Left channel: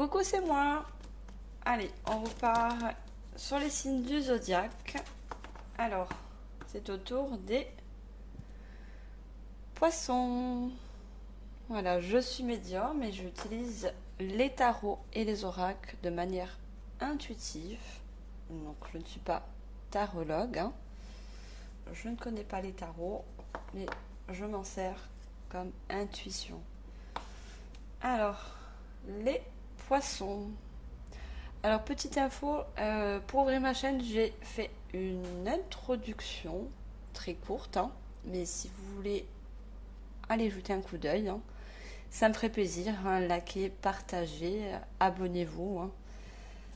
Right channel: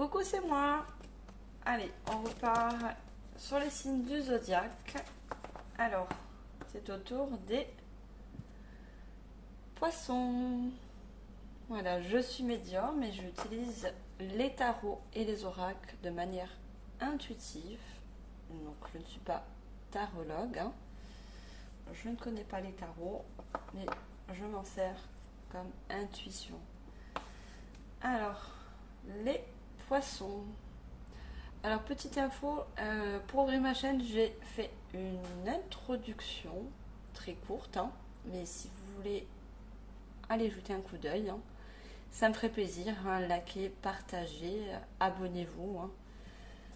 Coucou, c'est moi. Allez, on repart sur les signes du zodiaque. Alors, c'est au tour des poissons. Voilà, je suis médium et j'utilise les tarots et les oracles de manière intuitive. Donc, je ne suis pas tarologue, hein. Je ne connais pas les tarots, mais je m'en sers comme intuition. Alors, les poissons. Alors, petite info, pour ouvrir ma chaîne, j'ai fait une introduction très courte, hein, mais si vous voulez aller jeter un coup d'œil, hein, ça me ferait plaisir, hein, likez, partagez, abonnez-vous, hein.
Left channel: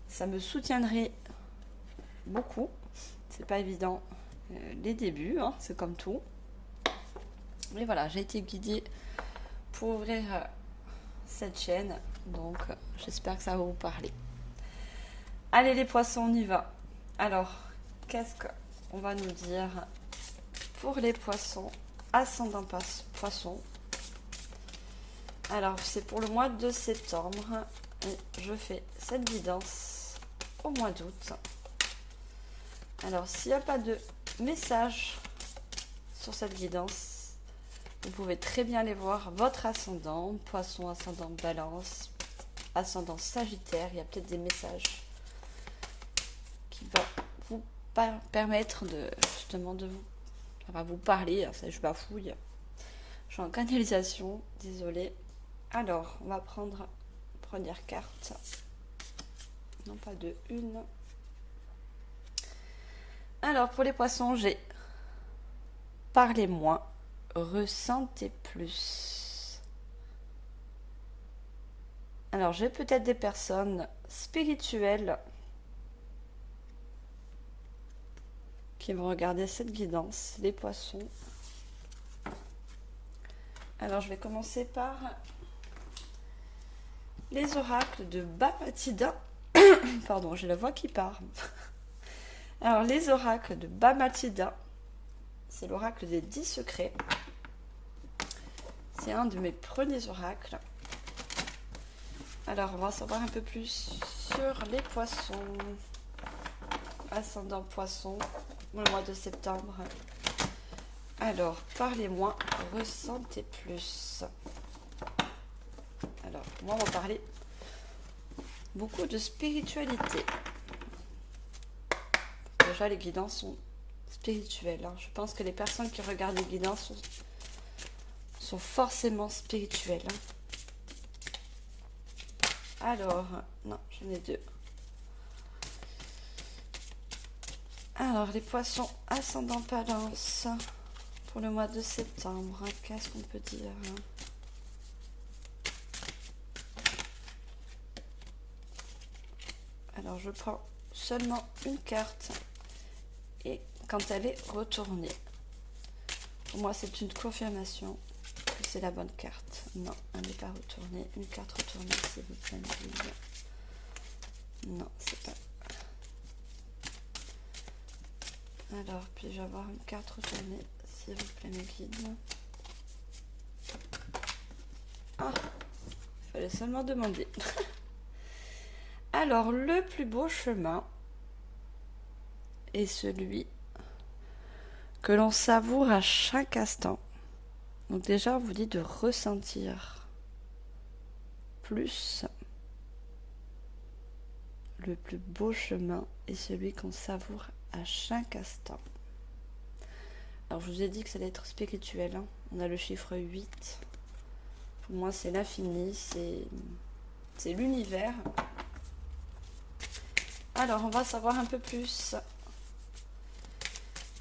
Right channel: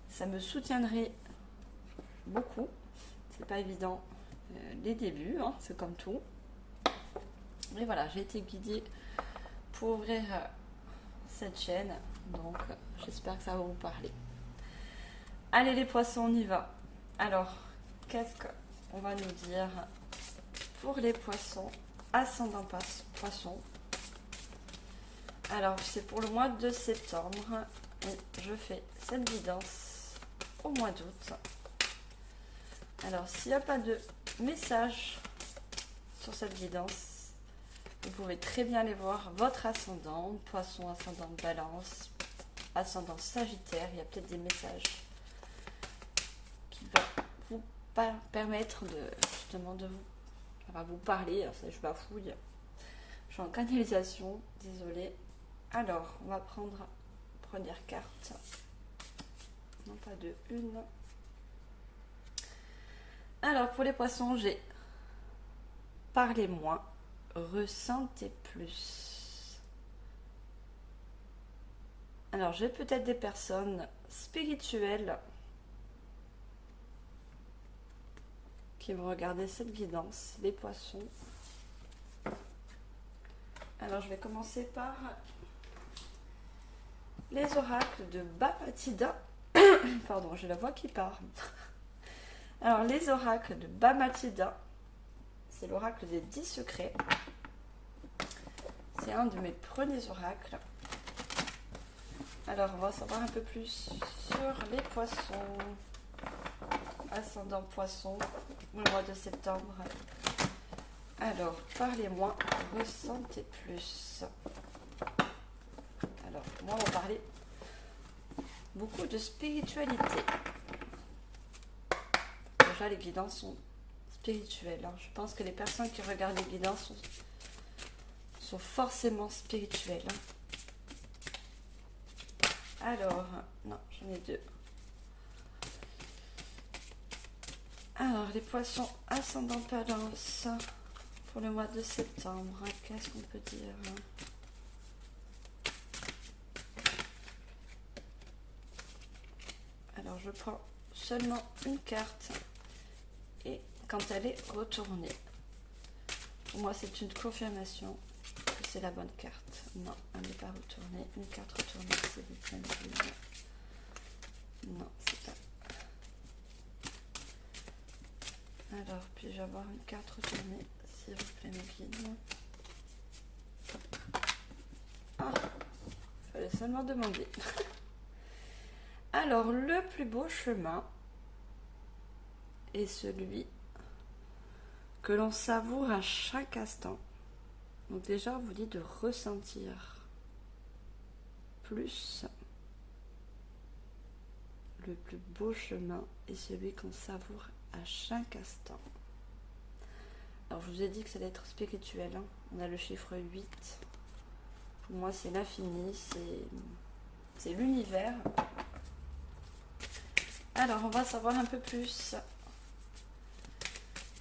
Ça me soutiendrait beaucoup. C'est pas évident les débuts, hein, c'est comme tout. Mais voilà, j'ai été guidée pour ouvrir cette chaîne, donc j'espère que ça va vous parler. Allez les poissons, on y va. Alors, qu'est-ce qu'on va nous dire pour les poissons, ascendant poisson? Alors, c'est pour le mois de septembre et je fais cette guidance au mois d'août. Alors, s'il n'y a pas de message sur cette guidance, vous pouvez très bien aller voir votre ascendant, poisson, ascendant balance, ascendant sagittaire, il y a peut-être des messages qui va vous permettre de justement de vous, ça va vous parler. Alors, ça, je bafouille, je suis en canalisation, désolée. Alors, on va prendre la première carte, non pas deux, une. Alors, pour les poissons, j'ai parlez moins, ressentez plus. Alors, j'ai peut-être des personnes spirituelles qui vont regarder cette guidance, les poissons. Alors, je vais commencer par les oracles de Bamatida. Pardon, j'ai la voix qui part. Alors, les oracles de Bamatida, c'est l'oracle des 10 secrets. C'est un de mes premiers oracles. Alors, on va savoir un peu plus sur les poissons. Ascendant poisson, le mois de septembre. Alors, parlez-moi, ressentez plus. Alors, moi, on va parler beaucoup de spiritualité. Déjà, les guidances sont spirituelles, hein. Je pense que les personnes qui regardent les guidances sont forcément spirituelles, hein. Alors, non, j'en ai deux. Alors, les poissons ascendant balance pour le mois de septembre, qu'est-ce qu'on peut dire? Alors, je prends seulement une carte et quand elle est retournée, pour moi, c'est une confirmation que c'est la bonne carte. Non, elle n'est pas retournée. Une carte retournée, s'il vous plaît. Non, c'est pas. Alors, puis-je avoir une carte retournée, s'il vous plaît, mes guides? Ah, il fallait seulement demander. Alors, le plus beau chemin est celui que l'on savoure à chaque instant. Donc déjà, on vous dit de ressentir plus. Le plus beau chemin est celui qu'on savoure à chaque instant. Alors, je vous ai dit que ça allait être spirituel, hein. On a le chiffre 8. Pour moi, c'est l'infini, c'est l'univers. Alors, on va savoir un peu plus.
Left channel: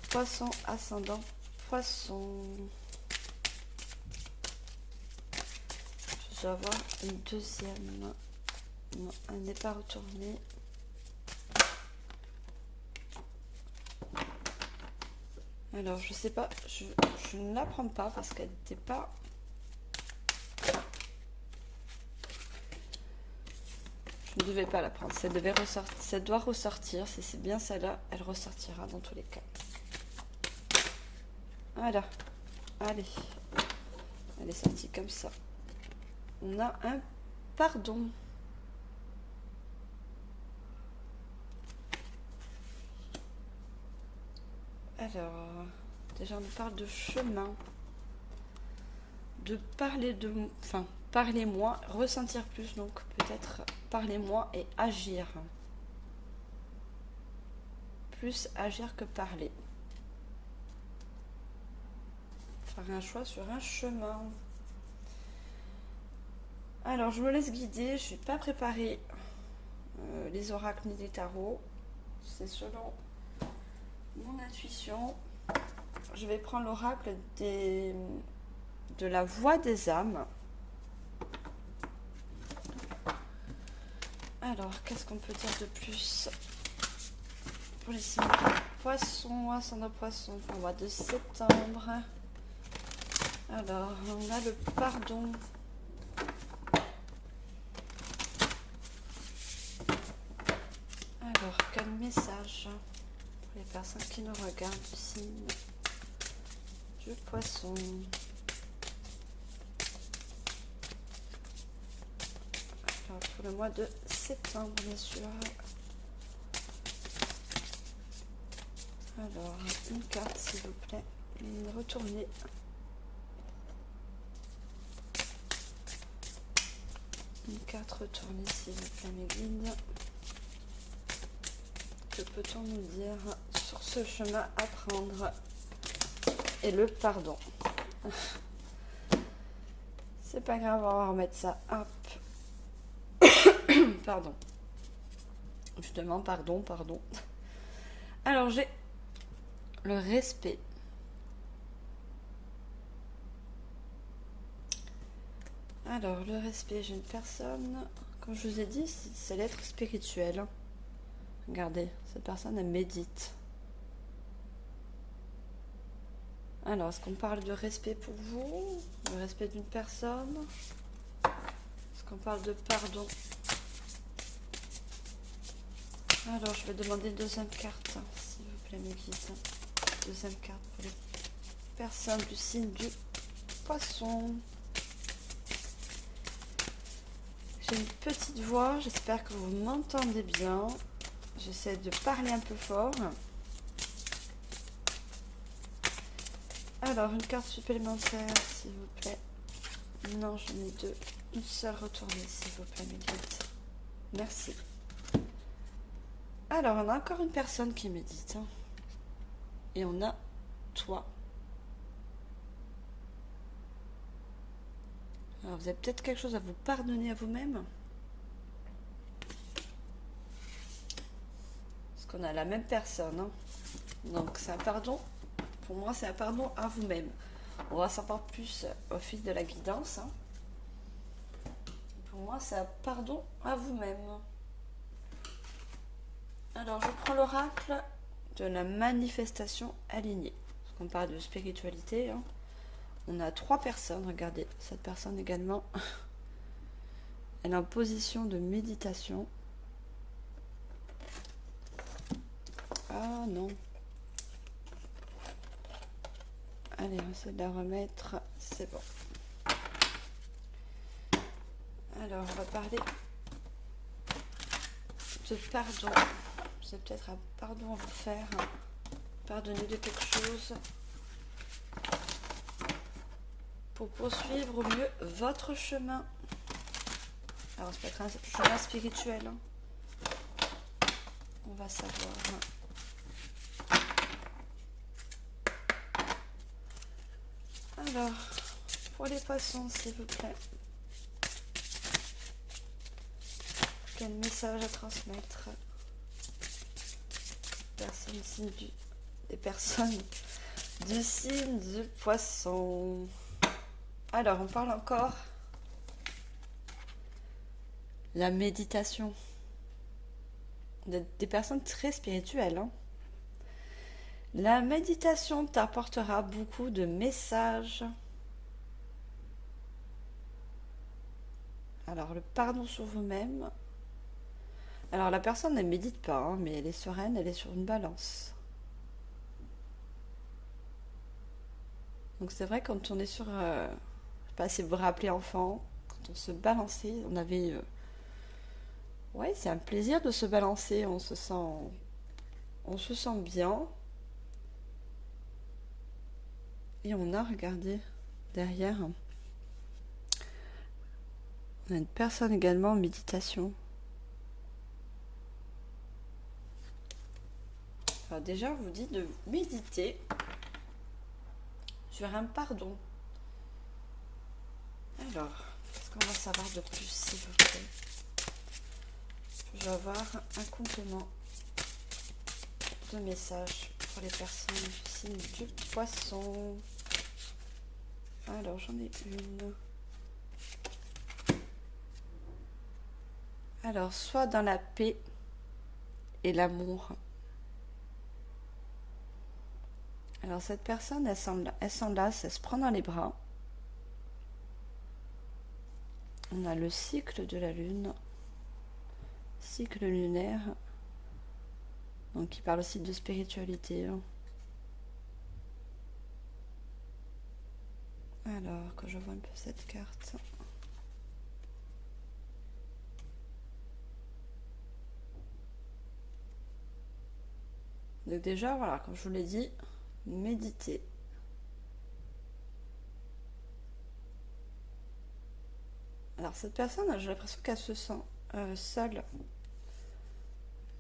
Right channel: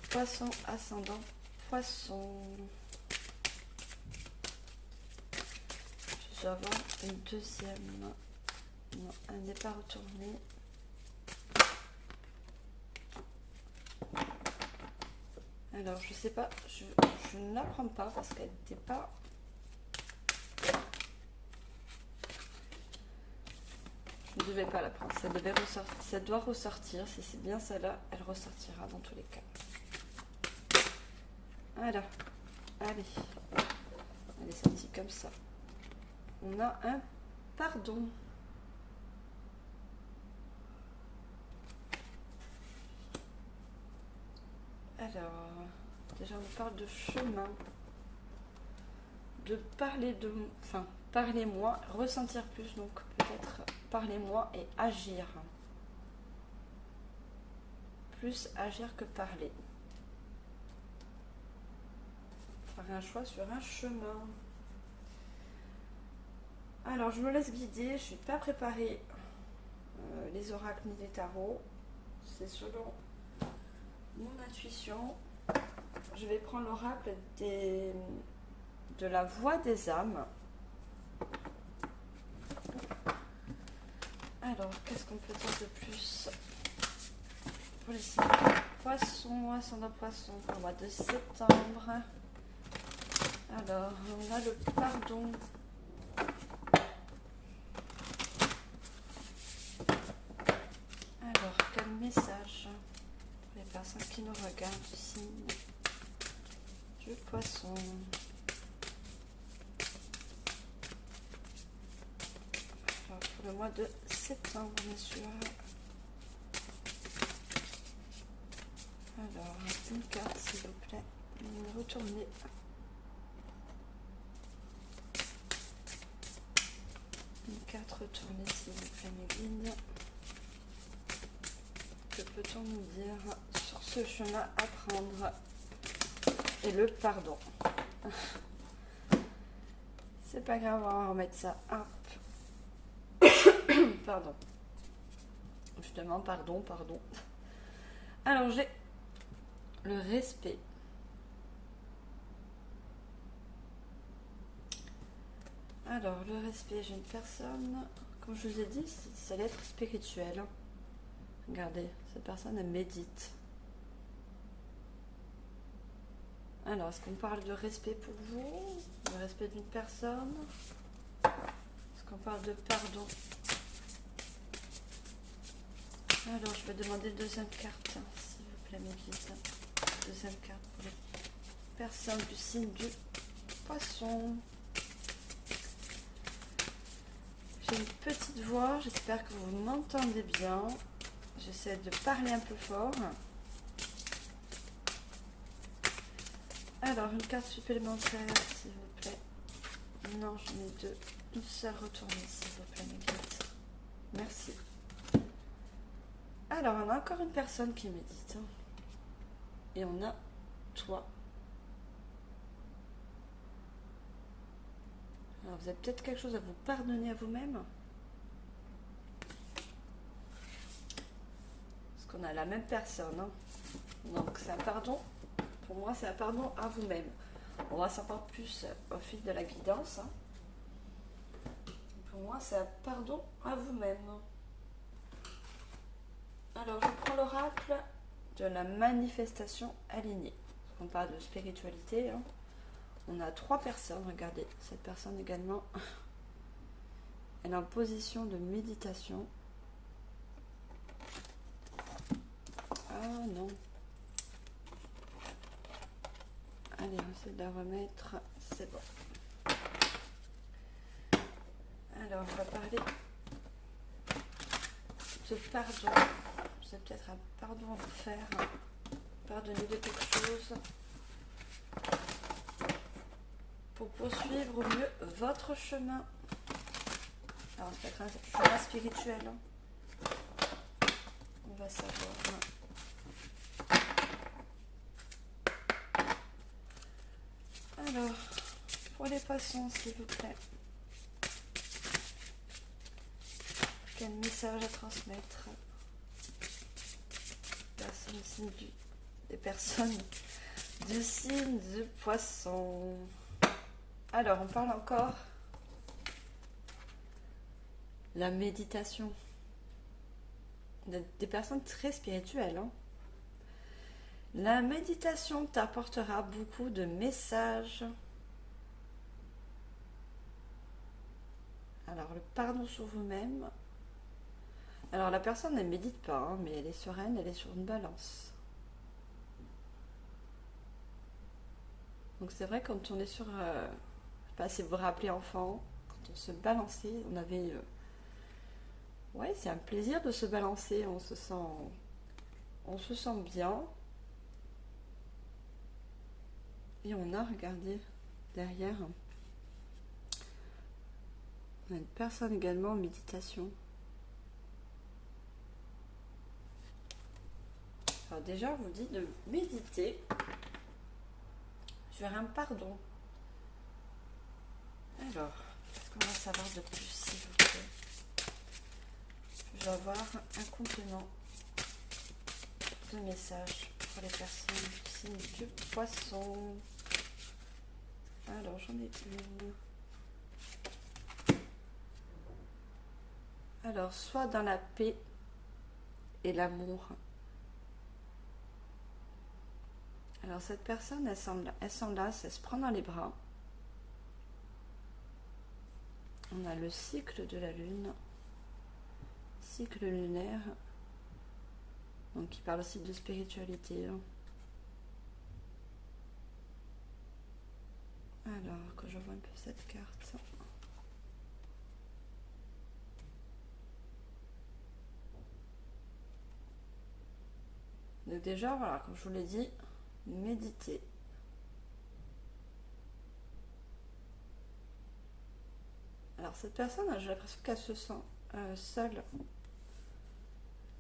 Poisson, ascendant, poisson. Je dois avoir une deuxième. Non, elle n'est pas retournée. Alors, je sais pas, je ne la prends pas parce qu'elle n'était pas. Je ne devais pas la prendre. Ça devait ressortir. Ça doit ressortir. Si c'est bien celle-là, elle ressortira dans tous les cas. Voilà. Allez. Elle est sortie comme ça. On a un pardon. Alors, déjà on parle de chemin, de parler de, enfin, parler moins, ressentir plus, donc peut-être parler moins et agir. Plus agir que parler. Faire un choix sur un chemin. Alors, je me laisse guider, je ne suis pas préparée les oracles ni les tarots. C'est selon mon intuition. Je vais prendre l'oracle de la voix des âmes. Alors, qu'est-ce qu'on peut dire de plus pour les signes poissons, ascendant poisson pour le mois de septembre? Alors, on a le pardon. Alors, quel message pour les personnes qui nous regardent du signe du poisson? Alors, pour le mois de septembre, bien sûr. Alors, une carte, s'il vous plaît. Retournez. Une carte retournée, s'il vous plaît, mes guides. Que peut-on nous dire sur ce chemin à prendre? Et le pardon. C'est pas grave, on va remettre ça. Hop. Pardon. Justement, pardon. Alors, j'ai le respect. Alors, le respect, j'ai une personne, comme je vous ai dit, c'est l'être spirituel. Regardez, cette personne, elle médite. Alors, est-ce qu'on parle de respect pour vous? Le respect d'une personne? Est-ce qu'on parle de pardon? Alors, je vais demander une deuxième carte, s'il vous plaît, mes guides. Deuxième carte pour les personnes du signe du poisson. J'ai une petite voix, j'espère que vous m'entendez bien. J'essaie de parler un peu fort. Alors, une carte supplémentaire, s'il vous plaît. Non, j'en ai deux. Une seule retournée, s'il vous plaît, mes guides. Merci. Alors, on a encore une personne qui médite. Et on a toi. Alors, vous avez peut-être quelque chose à vous pardonner à vous-même. Parce qu'on a la même personne. Donc, c'est un pardon. Pour moi, c'est un pardon à vous-même. On va savoir plus au fil de la guidance. Pour moi, c'est un pardon à vous-même. Alors, je prends l'oracle de la manifestation alignée. Parce qu'on parle de spiritualité. On a 3 personnes. Regardez, cette personne également. Elle est en position de méditation. Ah non. Allez, on essaie de la remettre. C'est bon. Alors, on va parler de pardon. C'est peut-être un pardon à vous faire. Pardonner de quelque chose. Pour poursuivre au mieux votre chemin. Alors, ça peut être un chemin spirituel. On va savoir. Alors, pour les poissons, s'il vous plaît. Quel message à transmettre? Des personnes du signe du poisson. Alors, on parle encore de la méditation. Des personnes très spirituelles. La méditation t'apportera beaucoup de messages. Alors, le pardon sur vous-même. Alors, la personne, elle ne médite pas, mais elle est sereine, elle est sur une balance. Donc, c'est vrai, quand on est sur... je ne sais pas si vous vous rappelez, enfant, quand on se balançait, on avait... ouais, c'est un plaisir de se balancer, on se sent bien. Et on a, regardez, derrière, on a une personne également en méditation. Alors déjà, on vous dit de méditer sur un pardon. Alors, qu'est-ce qu'on va savoir de plus, s'il vous plaît? Je vais avoir un complément de message pour les personnes du signe du poisson. Alors, j'en ai une. Alors, soit dans la paix et l'amour. Alors, cette personne, elle s'enlace, elle se prend dans les bras. On a le cycle de la lune, cycle lunaire, donc qui parle aussi de spiritualité. Alors, quand je vois un peu cette carte. Donc déjà, voilà, comme je vous l'ai dit, méditer. Alors cette personne, j'ai l'impression qu'elle se sent seule.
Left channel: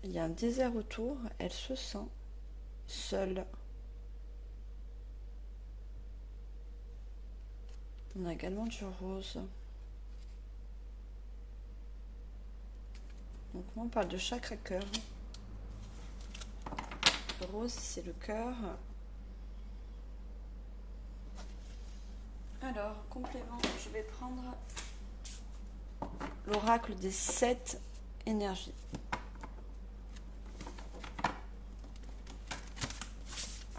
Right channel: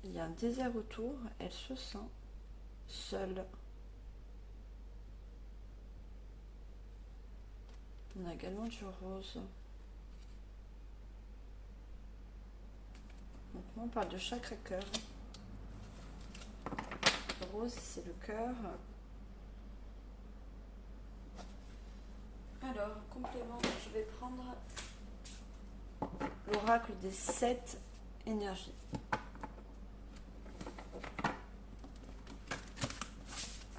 Il y a un désert autour, elle se sent seule. On a également du rose. Donc là, on parle de chakra cœur. Le rose, c'est le cœur. Alors, complément, je vais prendre l'oracle des 7 énergies.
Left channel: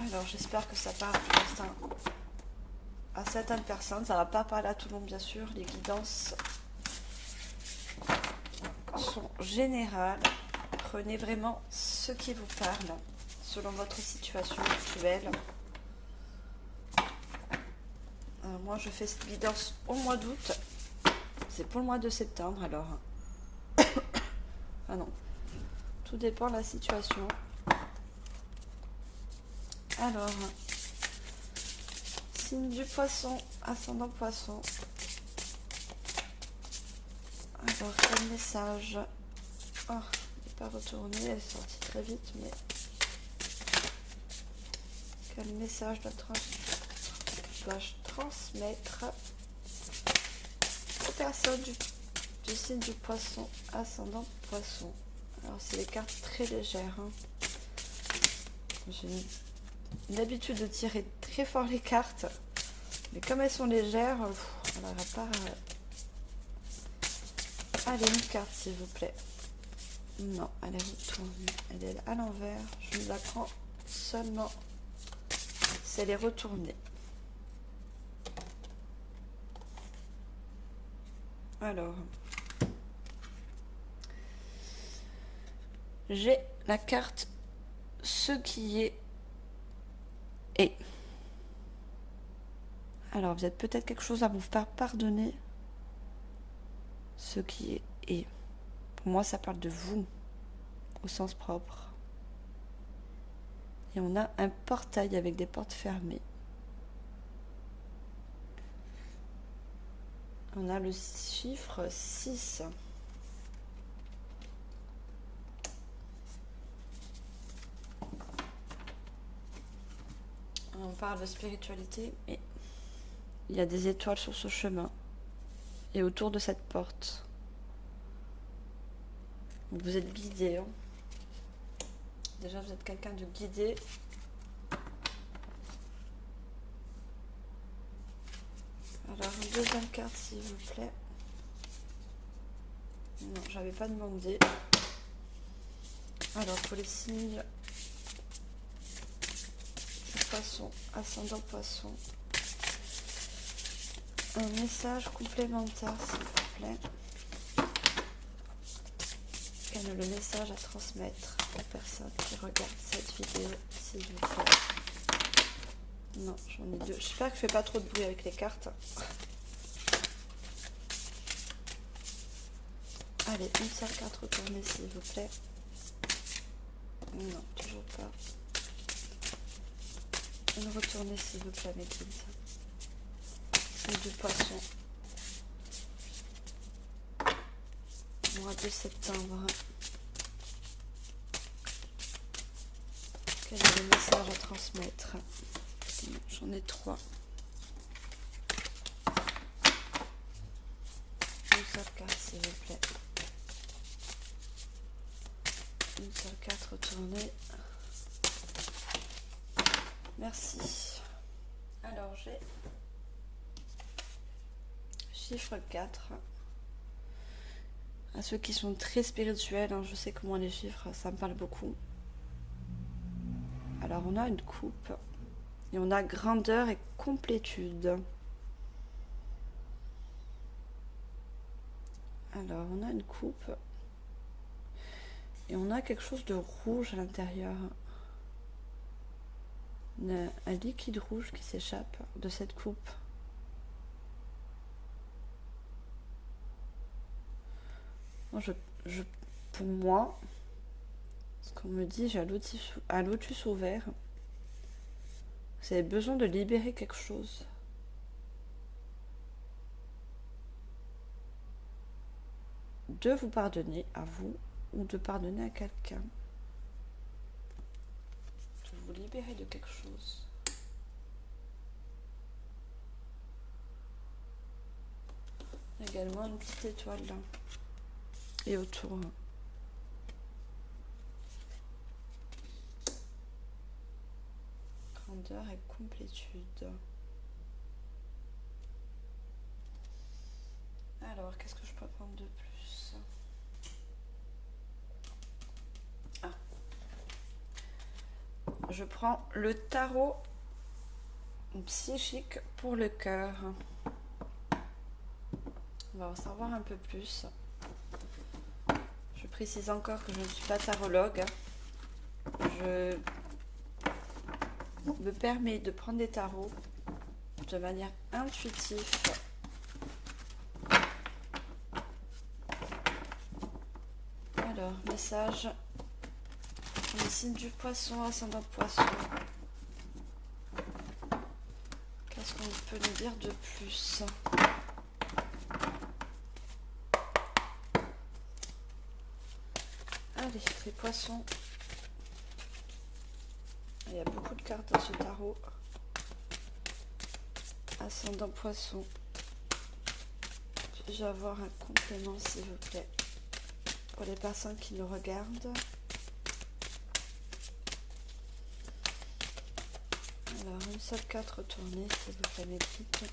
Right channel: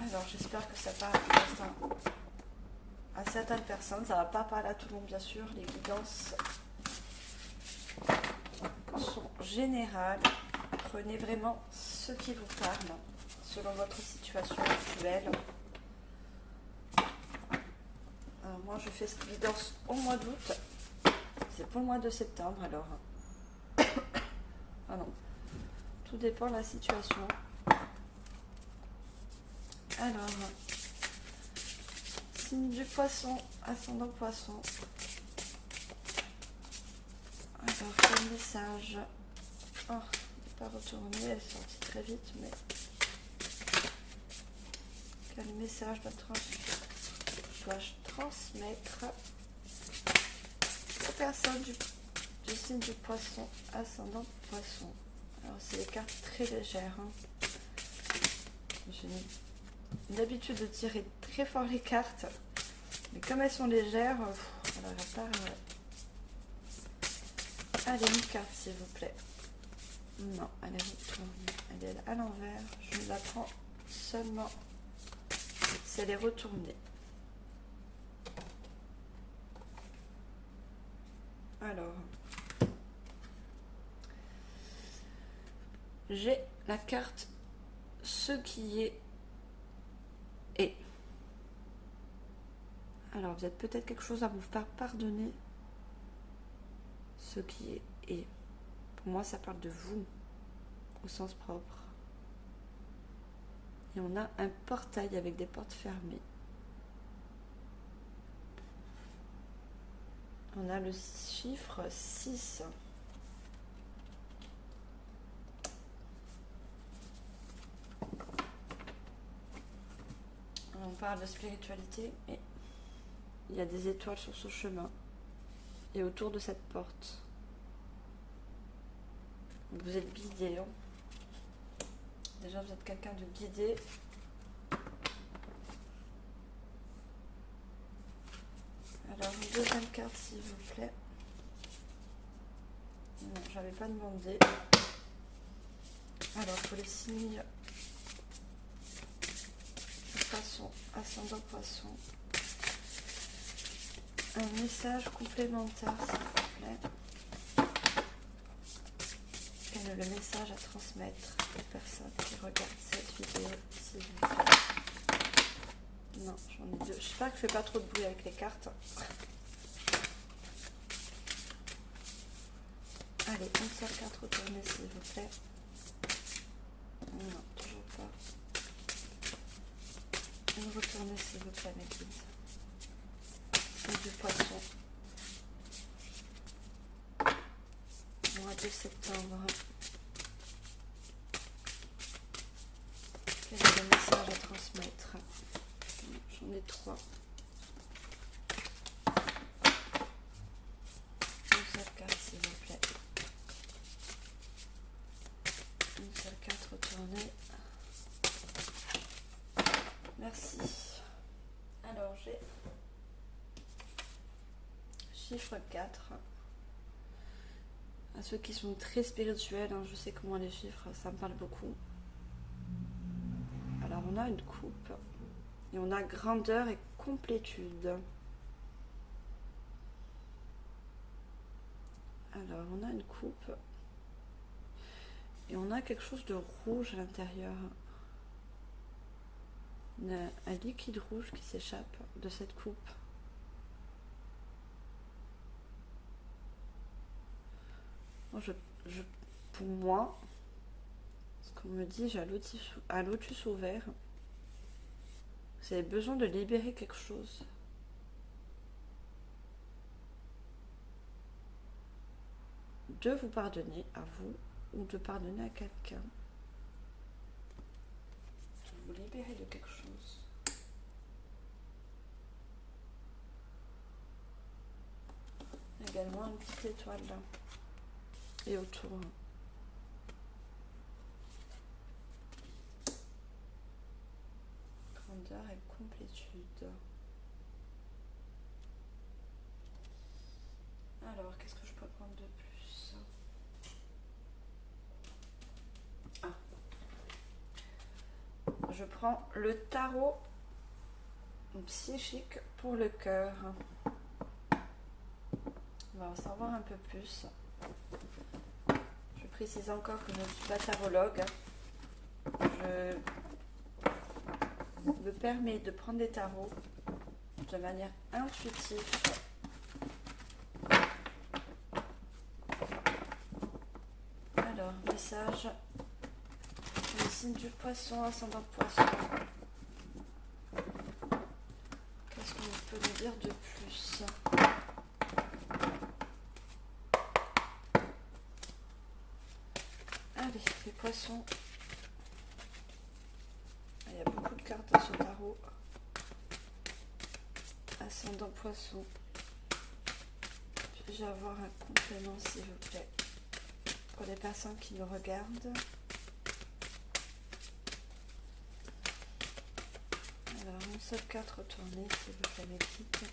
Alors, j'espère que ça parle à certaines personnes. Ça ne va pas parler à tout le monde, bien sûr. Les guidances sont générales. Prenez vraiment ce qui vous parle selon votre situation actuelle. Moi, je fais cette guidance au mois d'août. C'est pour le mois de septembre, alors. Ah non. Tout dépend de la situation. Alors, signe du poisson, ascendant poisson. Alors, quel message? Oh, il n'est pas retourné, elle est sortie très vite, mais quel message dois-je transmettre aux personnes du signe du poisson, ascendant poisson? Alors, c'est des cartes très légères. Hein. J'ai une habitude de tirer très fort les cartes, mais comme elles sont légères, on n'aura pas. Allez, une carte, s'il vous plaît. Non, elle est retournée. Elle est à l'envers. Je ne la prends seulement si elle est retournée. Alors, j'ai la carte ce qui est. Alors, vous êtes peut-être quelque chose à vous faire pardonner. Ce qui est. Pour moi, ça parle de vous, au sens propre. Et on a un portail avec des portes fermées. On a le chiffre 6. On parle de spiritualité et il y a des étoiles sur ce chemin et autour de cette porte. Vous êtes guidé. Hein. Déjà, vous êtes quelqu'un de guidé. Alors, une deuxième carte, s'il vous plaît. Non, j'avais pas demandé. Alors, pour les signes poisson, ascendant poisson, un message complémentaire, s'il vous plaît. Et le message à transmettre aux personnes qui regardent cette vidéo, s'il vous plaît. Non, j'en ai deux. J'espère que je fais pas trop de bruit avec les cartes. Allez, une seule carte retournée, s'il vous plaît. Non, toujours pas. Une me retourner s'il vous plaît mes guides. C'est du poisson. Mois de septembre. Quel est le message à transmettre? J'en ai 3. Une seule carte s'il vous plaît. Une seule carte retournée. Merci. Alors j'ai chiffre 4. À ceux qui sont très spirituels, hein, je sais que moi les chiffres ça me parle beaucoup. Alors on a une coupe et on a grandeur et complétude. Alors on a une coupe et on a quelque chose de rouge à l'intérieur. Un liquide rouge qui s'échappe de cette coupe. Moi, pour moi, ce qu'on me dit, j'ai un lotus ouvert. Vous avez besoin de libérer quelque chose. De vous pardonner à vous ou de pardonner à quelqu'un. De vous libérer de quelque chose. Également une petite étoile là. Et autour. Grandeur et complétude. Alors, qu'est-ce que je peux prendre de plus? Je prends le tarot psychique pour le cœur. On va en savoir un peu plus. Je précise encore que je ne suis pas tarologue. Je me permets de prendre des tarots de manière intuitive. Alors, message. Le signe du poisson, ascendant poisson. Qu'est-ce qu'on peut nous dire de plus? Allez, les poissons. Il y a beaucoup de cartes à ce tarot. Ascendant poisson. Je vais avoir un complément s'il vous plaît. Pour les personnes qui nous regardent. Alors, une seule carte retournée, s'il vous plaît, mes petites.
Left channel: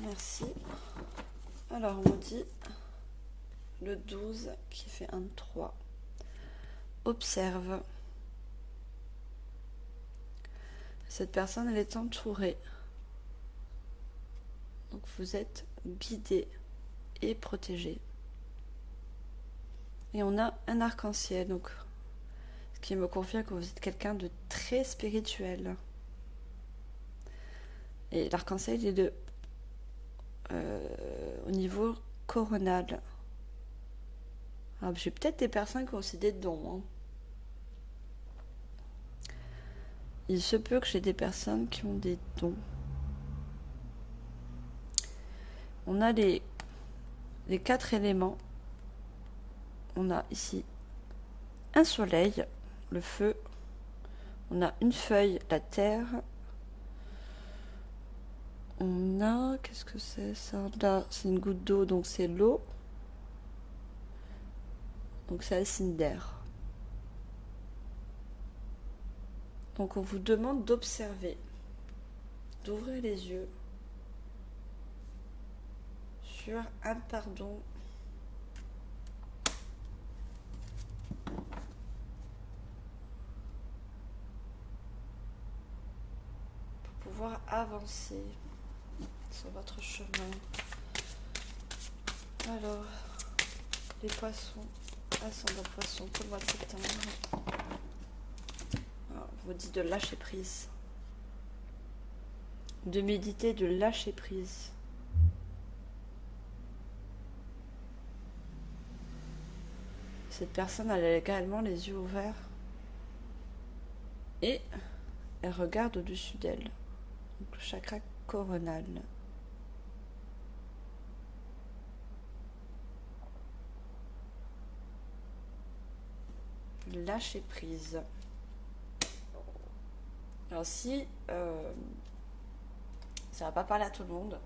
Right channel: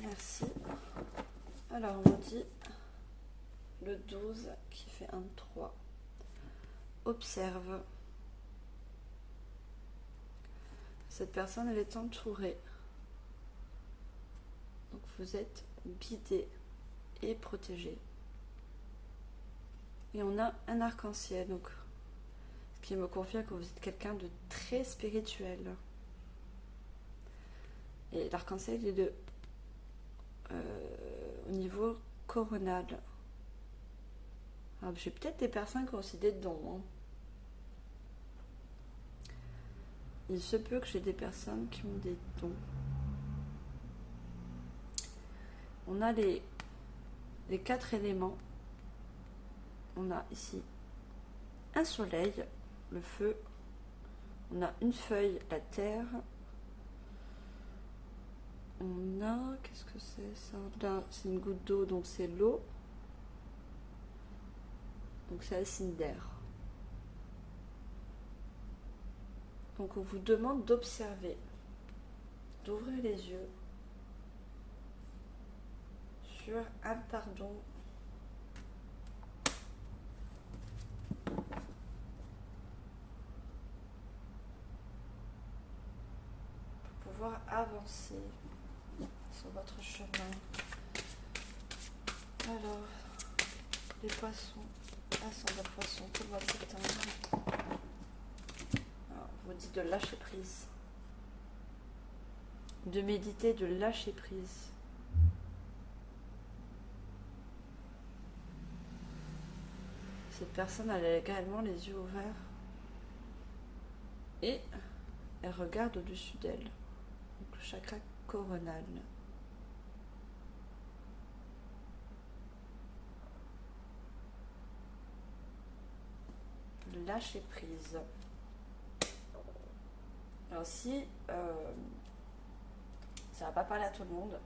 Merci. Alors, on dit le 12 qui fait un 3. Observe. Cette personne, elle est entourée. Donc vous êtes guidé et protégé. Et on a un arc-en-ciel, donc ce qui me confirme que vous êtes quelqu'un de très spirituel. Et l'arc-en-ciel est au niveau coronal. Alors j'ai peut-être des personnes qui ont aussi des dons. Hein. Il se peut que j'ai des personnes qui ont des dons. On a les 4 éléments. On a ici un soleil, le feu. On a une feuille, la terre. On a... Qu'est-ce que c'est ça? Là, c'est une goutte d'eau, donc c'est l'eau. Donc c'est un signe d'air. Donc on vous demande d'observer, d'ouvrir les yeux sur un pardon pour pouvoir avancer sur votre chemin. Alors, les poissons, ascendant poisson pour le mois de septembre. Alors, on vous dit de lâcher prise, de méditer, de lâcher prise. Cette personne, elle a également les yeux ouverts. Et elle regarde au-dessus d'elle. Le chakra coronal. Lâcher prise. Alors si ça va pas parler à tout le monde,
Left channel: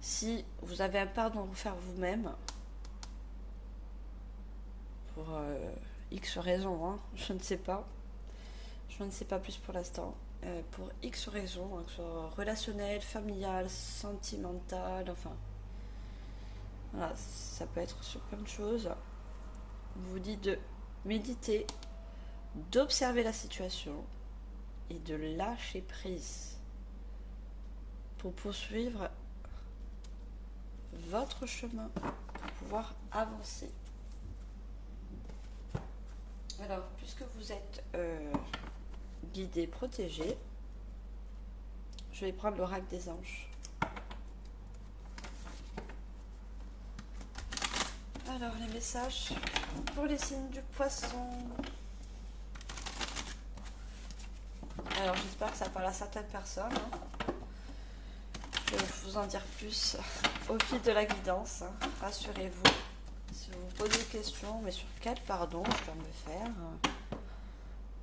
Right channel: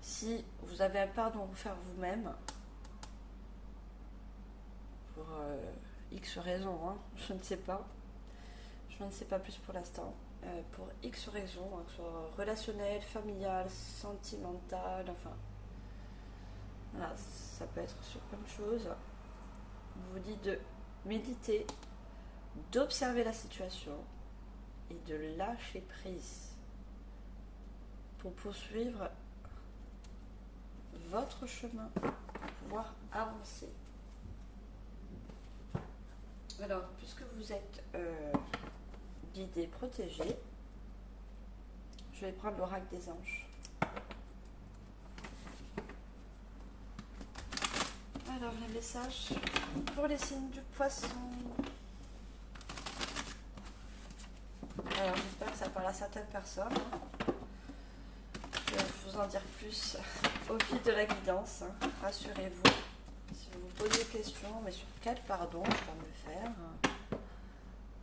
si vous avez un pardon à faire vous-même, pour X raisons, hein, je ne sais pas plus pour l'instant, pour X raisons, hein, que ce soit relationnel, familial, sentimental, enfin, voilà, ça peut être sur plein de choses. On vous dit de méditer, d'observer la situation et de lâcher prise pour poursuivre votre chemin, pour pouvoir avancer. Alors, puisque vous êtes guidé, protégé, je vais prendre l'oracle des anges. Alors, les messages pour les signes du poisson. Alors, j'espère que ça parle à certaines personnes. Je vais vous en dire plus au fil de la guidance. Rassurez-vous. Si vous vous posez des questions, mais sur quel pardon je dois me faire,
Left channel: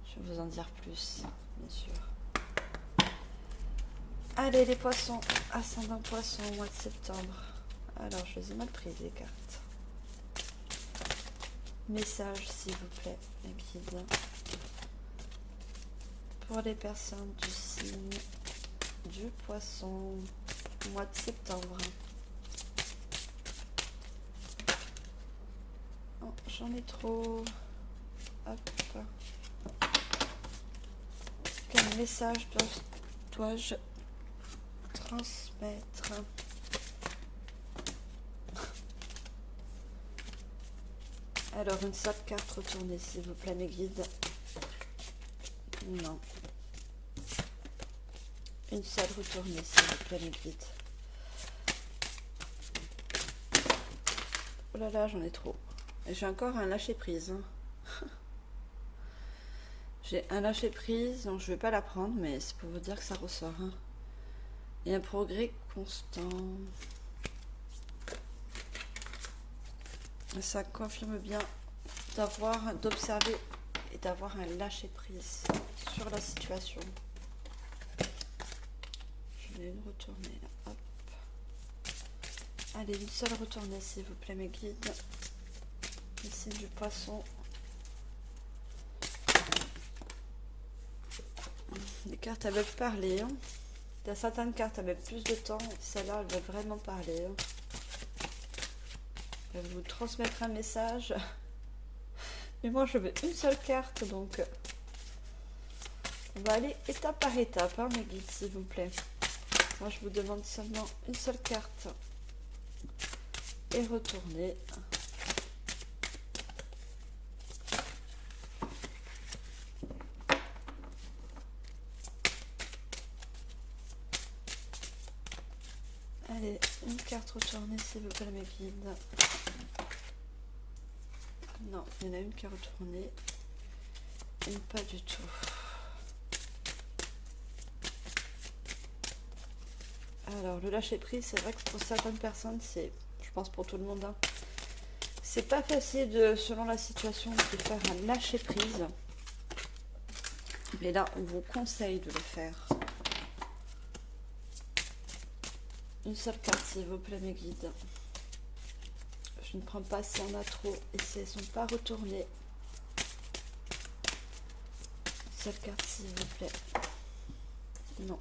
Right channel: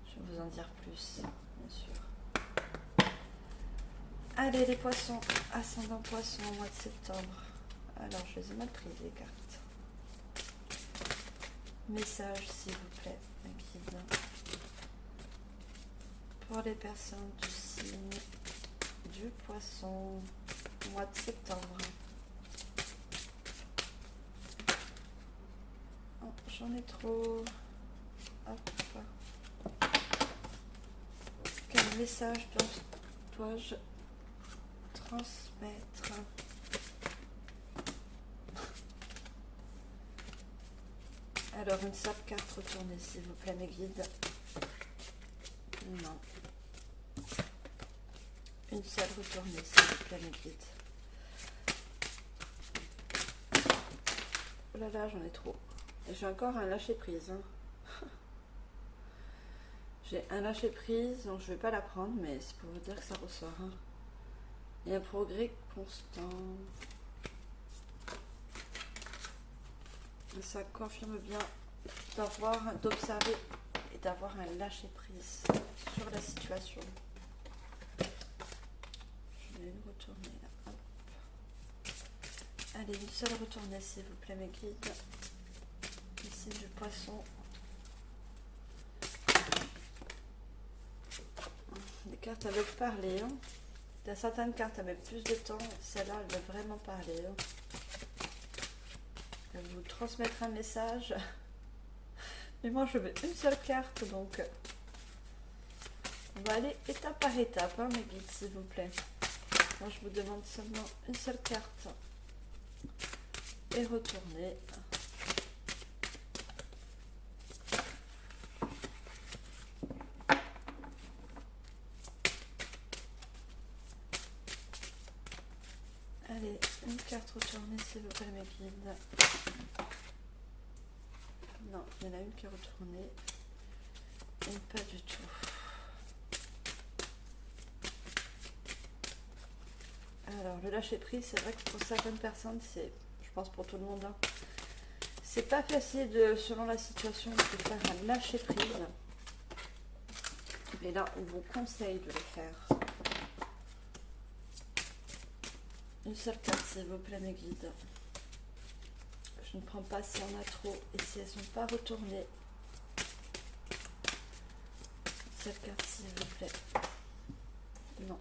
je vais vous en dire plus, bien sûr. Allez, les poissons, ascendant poisson au mois de septembre. Alors, je les ai mal prises, les cartes. Message, s'il vous plaît, la guide. Pour les personnes du signe du poisson, mois de septembre. Oh, j'en ai trop. Hop. Quel message dois-je transmettre? Alors, une seule carte retournée, s'il vous plaît, mes guides. Non. Une seule retournée, s'il vous plaît, mes guides. Oh là là, j'en ai trop. J'ai encore un lâcher-prise. Hein. J'ai un lâcher-prise, donc je ne vais pas la prendre, mais c'est pour vous dire que ça ressort. Hein. Et un progrès constant. Ça confirme bien d'observer et d'avoir un lâcher-prise sur la situation. Je vais une retourner là. Hop. Allez, une seule retournée, s'il vous plaît, mes guides. Ici du poisson. Les cartes, elles veulent parler. Hein. Il y a certaines cartes, elles mettent plus de temps. Celle-là, elle veut vraiment parler. Hein. Elle va vous transmettre un message. Mais moi, je veux une seule carte, donc on va aller étape par étape, hein, mes guides, s'il vous plaît. Moi, je vous demande seulement une seule carte. Et retourner. Allez, une carte retournée, s'il vous plaît, mes guides. Non, il y en a une qui est retournée. Et pas du tout. Alors, le lâcher prise, c'est vrai que pour certaines personnes, c'est, je pense pour tout le monde, hein, c'est pas facile, selon la situation, de faire un lâcher prise. Mais là, on vous conseille de le faire. Une seule carte, s'il vous plaît, mes guides. Je ne prends pas si on a trop et si elles ne sont pas retournées. Une seule carte, s'il vous plaît. Non.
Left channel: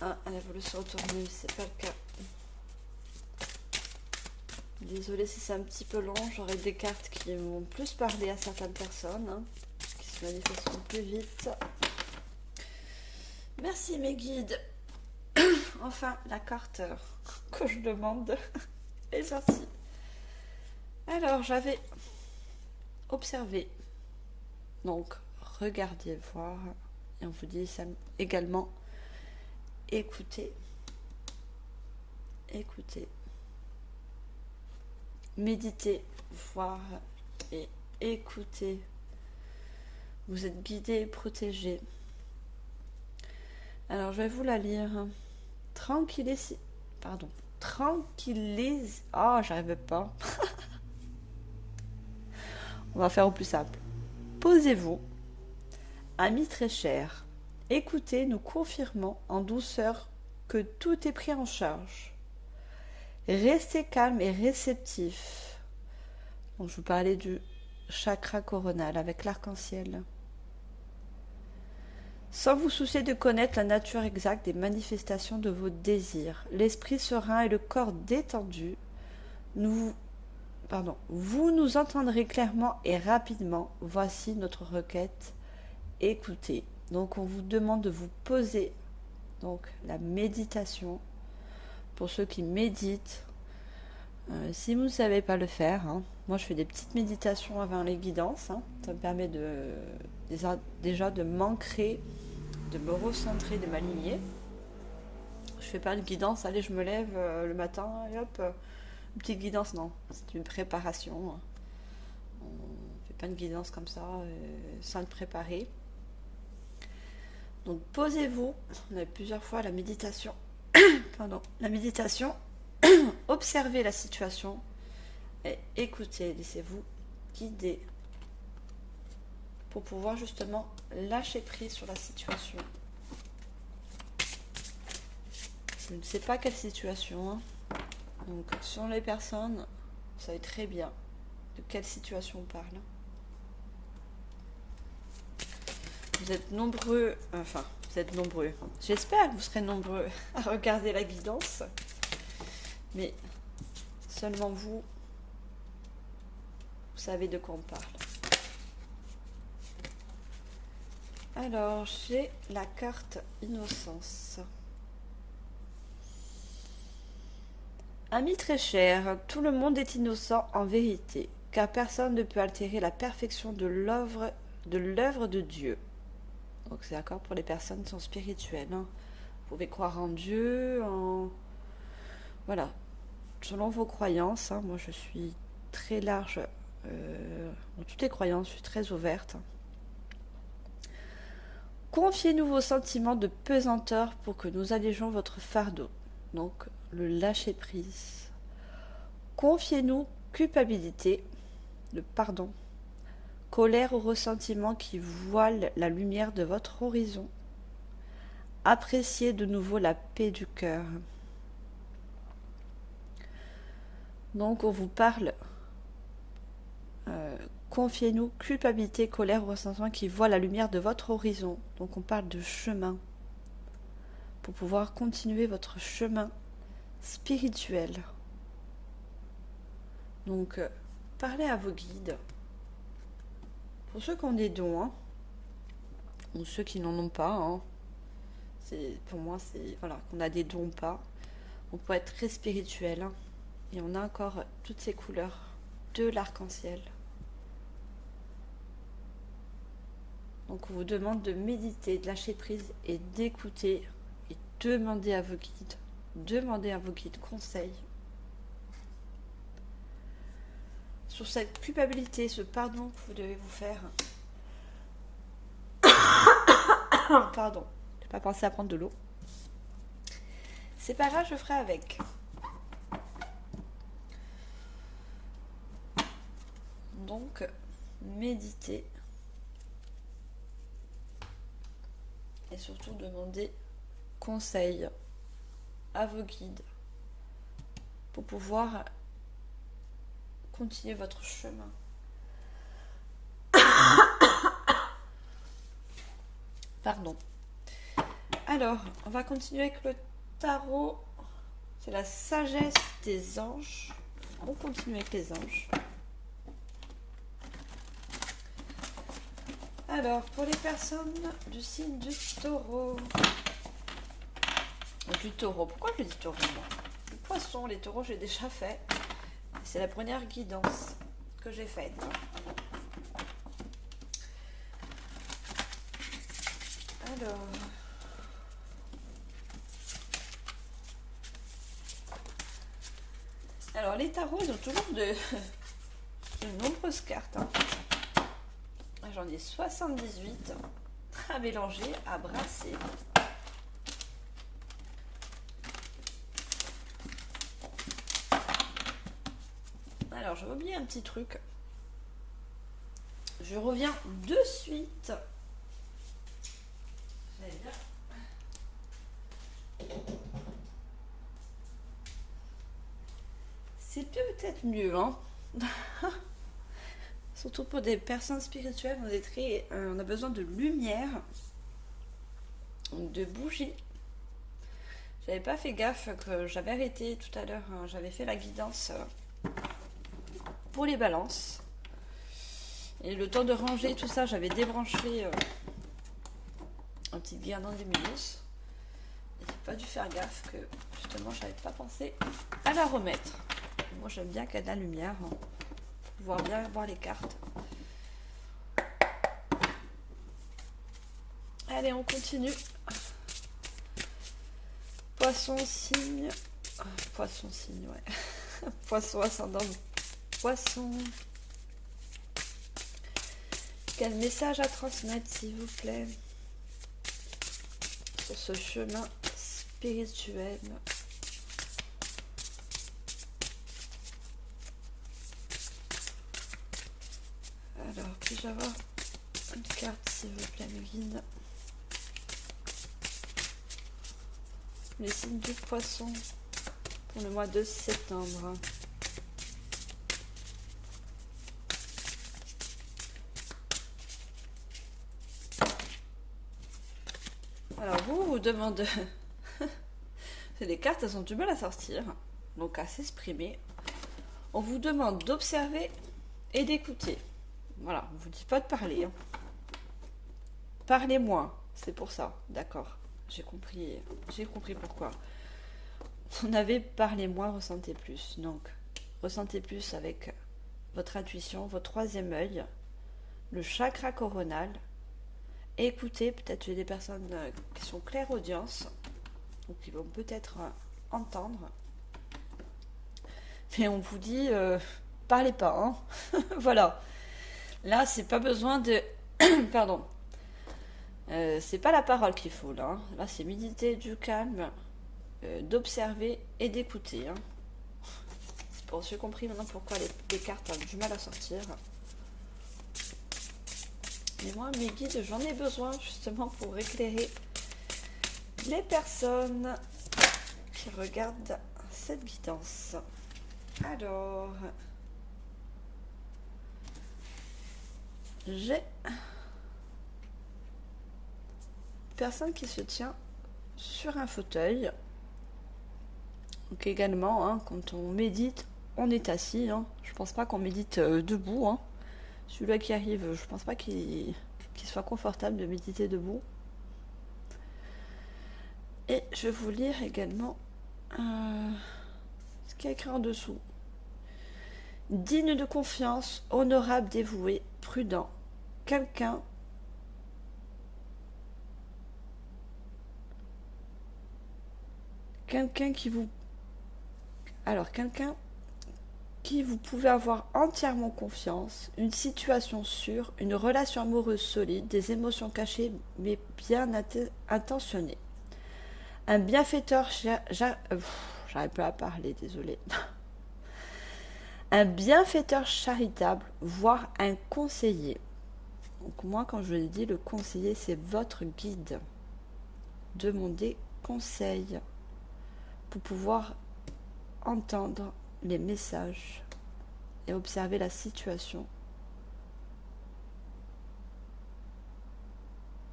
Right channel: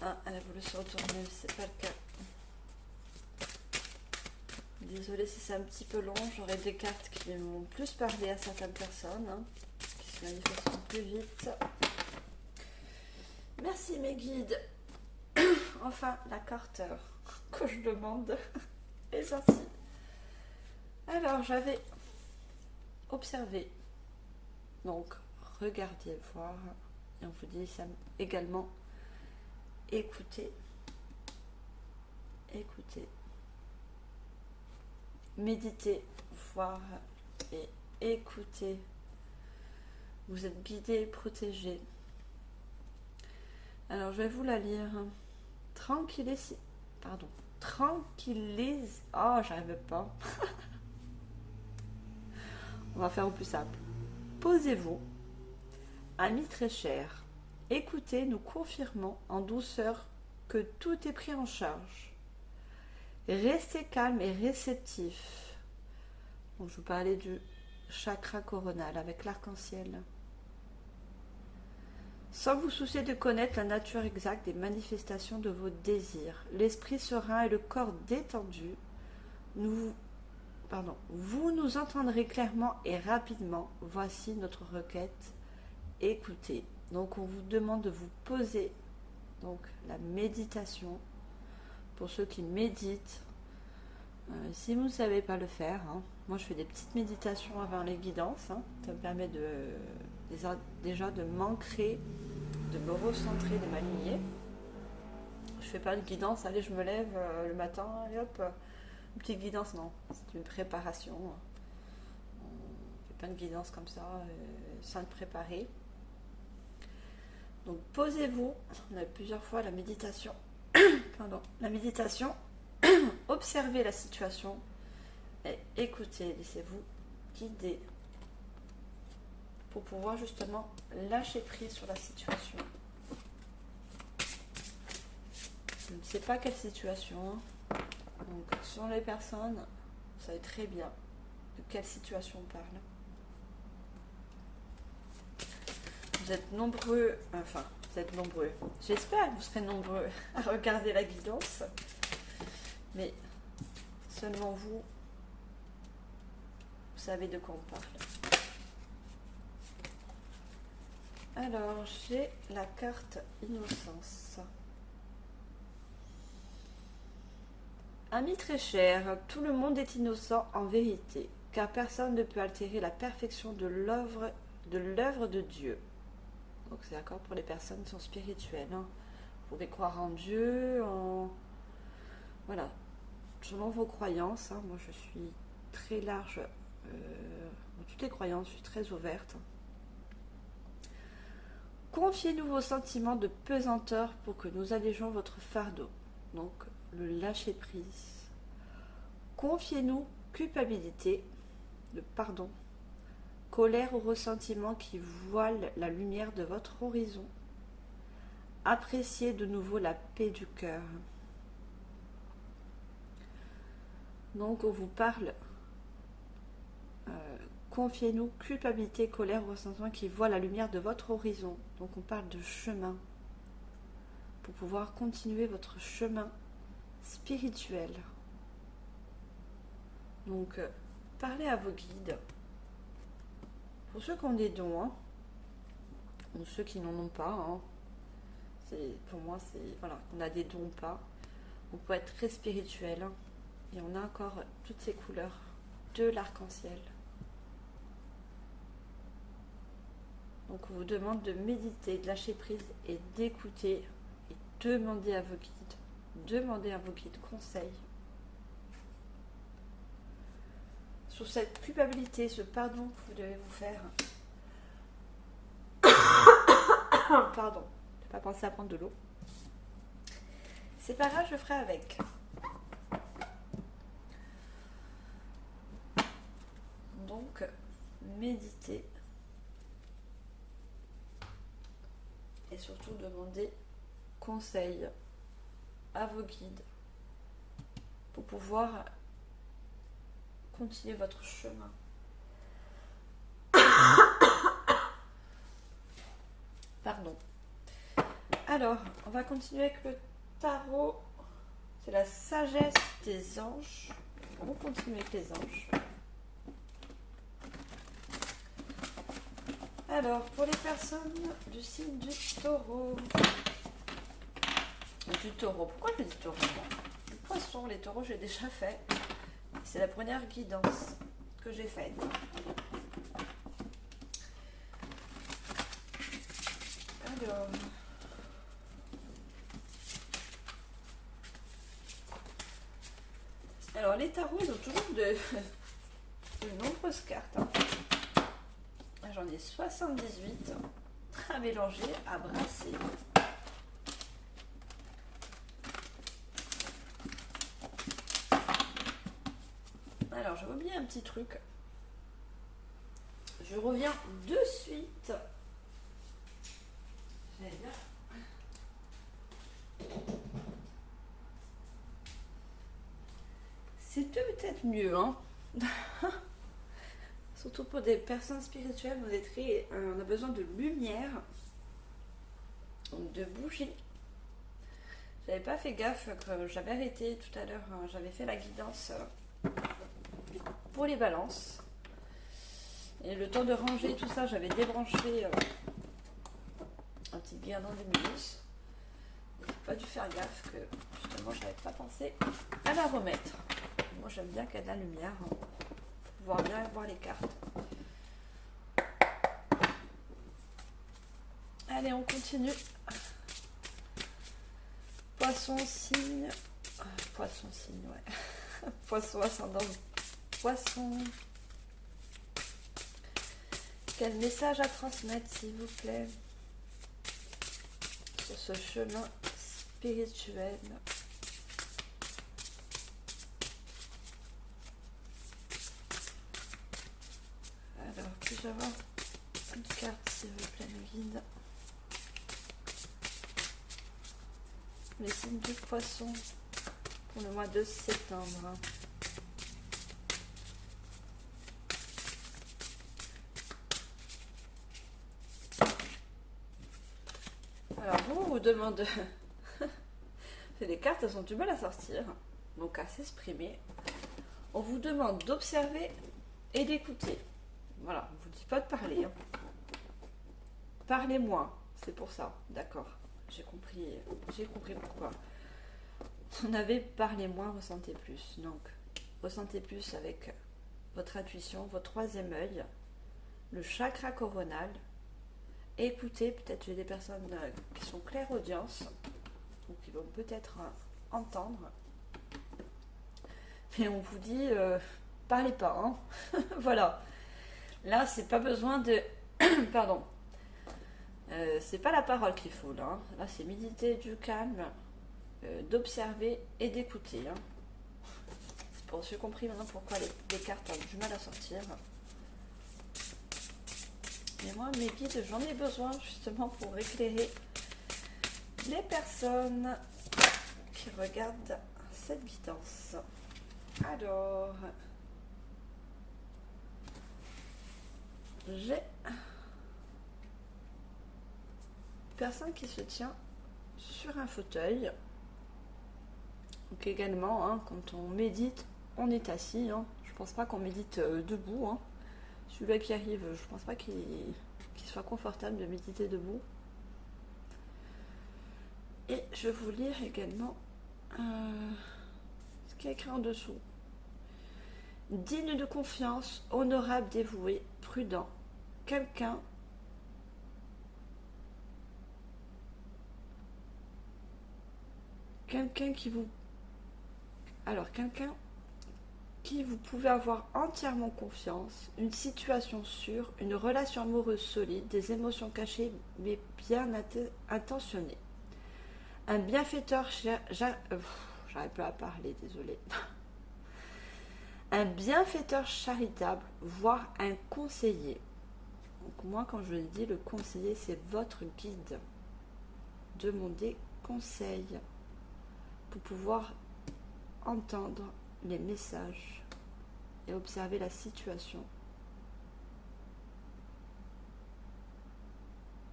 Ah, elle a voulu se retourner, mais c'est pas le cas. Désolée si c'est un petit peu long, j'aurai des cartes qui vont plus parler à certaines personnes, hein, qui se manifesteront plus vite. Merci mes guides. Enfin, la carte que je demande est sortie. Alors, j'avais observé. Donc, regardez, voir. Et on vous dit ça également. Écoutez. Écoutez. Méditez, voir et écoutez. Vous êtes guidé, protégé. Alors, je vais vous la lire. Tranquillise. Pardon. Tranquillise. Oh, j'arrive pas. On va faire au plus simple. Posez-vous. Amis très chers, écoutez, nous confirmons en douceur que tout est pris en charge. Restez calme et réceptif. Donc, je vous parlais du chakra coronal avec l'arc-en-ciel. Sans vous soucier de connaître la nature exacte des manifestations de vos désirs, l'esprit serein et le corps détendu, vous nous entendrez clairement et rapidement. Voici notre requête. Écoutez. Donc, on vous demande de vous poser. Donc, la méditation. Pour ceux qui méditent, si vous ne savez pas le faire, moi je fais des petites méditations avant les guidances. Ça me permet déjà de m'ancrer, de me recentrer, de m'aligner. Je fais pas de guidance, allez, je me lève le matin, et hop, une petite guidance, non, c'est une préparation. On fait pas de guidance comme ça, sans le préparer. Donc posez-vous, on a plusieurs fois la méditation, observez la situation et écoutez, laissez-vous guider pour pouvoir justement lâcher prise sur la situation. Je ne sais pas quelle situation, donc sur les personnes, vous savez très bien de quelle situation on parle. Vous êtes nombreux, j'espère que vous serez nombreux à regarder la guidance, mais seulement vous savez de quoi on parle. Alors, j'ai la carte Innocence. Amis très chers, tout le monde est innocent en vérité, car personne ne peut altérer la perfection de l'œuvre de Dieu. Donc c'est d'accord pour les personnes qui sont spirituelles. Vous pouvez croire en Dieu, voilà, selon vos croyances. Moi je suis très large dans toutes les croyances, je suis très ouverte. Confiez-nous vos sentiments de pesanteur pour que nous allégeons votre fardeau. Donc le lâcher prise. Confiez-nous culpabilité, le pardon. Colère ou ressentiment qui voile la lumière de votre horizon. Appréciez de nouveau la paix du cœur. Donc on vous parle, confiez-nous culpabilité, colère ou ressentiment qui voile la lumière de votre horizon. Donc on parle de chemin pour pouvoir continuer votre chemin spirituel. Donc parlez à vos guides. Pour ceux qui ont des dons, ou ceux qui n'en ont pas, pour moi, c'est voilà, qu'on a des dons ou pas. On peut être très spirituel, et on a encore toutes ces couleurs de l'arc-en-ciel. Donc on vous demande de méditer, de lâcher prise et d'écouter et demander à vos guides conseil sur cette culpabilité, ce pardon que vous devez vous faire. Pardon, je n'ai pas pensé à prendre de l'eau. C'est pas grave, je ferai avec. Donc, méditez. Et surtout, demandez conseil à vos guides pour pouvoir continuer votre chemin. Pardon. Alors, on va continuer avec le tarot. C'est la sagesse des anges. On continue avec les anges. Alors, pour les personnes du signe du taureau. Du taureau. Pourquoi je dis taureau? Les poissons, les taureaux, j'ai déjà fait. C'est la première guidance que j'ai faite. Alors les tarots, ils ont toujours de nombreuses cartes. Hein. J'en ai 78 à mélanger, à brasser. Alors, j'ai oublié un petit truc. Je reviens de suite. C'est peut-être mieux, hein. Surtout pour des personnes spirituelles, on a besoin de lumière, de bougies. J'avais pas fait gaffe que j'avais arrêté tout à l'heure. Hein, j'avais fait la guidance pour les balances. Et le temps de ranger tout ça, j'avais débranché un petit guirlande de minus. J'ai pas dû faire gaffe que justement j'avais pas pensé à la remettre. Moi j'aime bien qu'il y ait de la lumière, hein, pour pouvoir bien voir les cartes. Allez, on continue. Poisson signe. Poisson signe, ouais. Poisson ascendant. Poisson. Quel message à transmettre, s'il vous plaît, sur ce chemin spirituel? Alors, puis-je avoir une carte, s'il vous plaît, mes guides? Les signes du poisson pour le mois de septembre. Alors, vous demande... les cartes, elles ont du mal à sortir, donc à s'exprimer. On vous demande d'observer et d'écouter. Voilà, on ne vous dit pas de parler. Hein. Parlez moins, c'est pour ça, d'accord. J'ai compris pourquoi. On avait parlé moins, ressentez plus. Donc, ressentez plus avec votre intuition, votre troisième œil, le chakra coronal. Écoutez, peut-être j'ai des personnes qui sont clairaudience, ou qui vont peut-être entendre. Mais on vous dit, parlez pas, hein. Voilà. Là, c'est pas besoin de... Pardon. C'est pas la parole qu'il faut, là. Hein. Là, c'est méditer du calme, d'observer et d'écouter. Hein. J'ai compris maintenant pourquoi les cartes ont du mal à sortir. Mais moi, mes guides, j'en ai besoin justement pour éclairer les personnes qui regardent cette guidance. Alors, j'ai une personne qui se tient sur un fauteuil. Donc également, hein, quand on médite, on est assis. Hein. Je pense pas qu'on médite debout. Hein. Celui-là qui arrive, je pense pas qu'il soit confortable de méditer debout. Et je vais vous lire également ce qui est écrit en dessous. Digne de confiance, honorable, dévoué, prudent. Quelqu'un qui vous... Alors, quelqu'un qui vous pouvez avoir entièrement confiance, une situation sûre, une relation amoureuse solide, des émotions cachées mais bien intentionnées. Un bienfaiteur, j'arrive pas à parler, désolé. Un bienfaiteur charitable, voire un conseiller. Donc moi, quand je dis le conseiller, c'est votre guide. Demandez conseil pour pouvoir entendre les messages et observer la situation.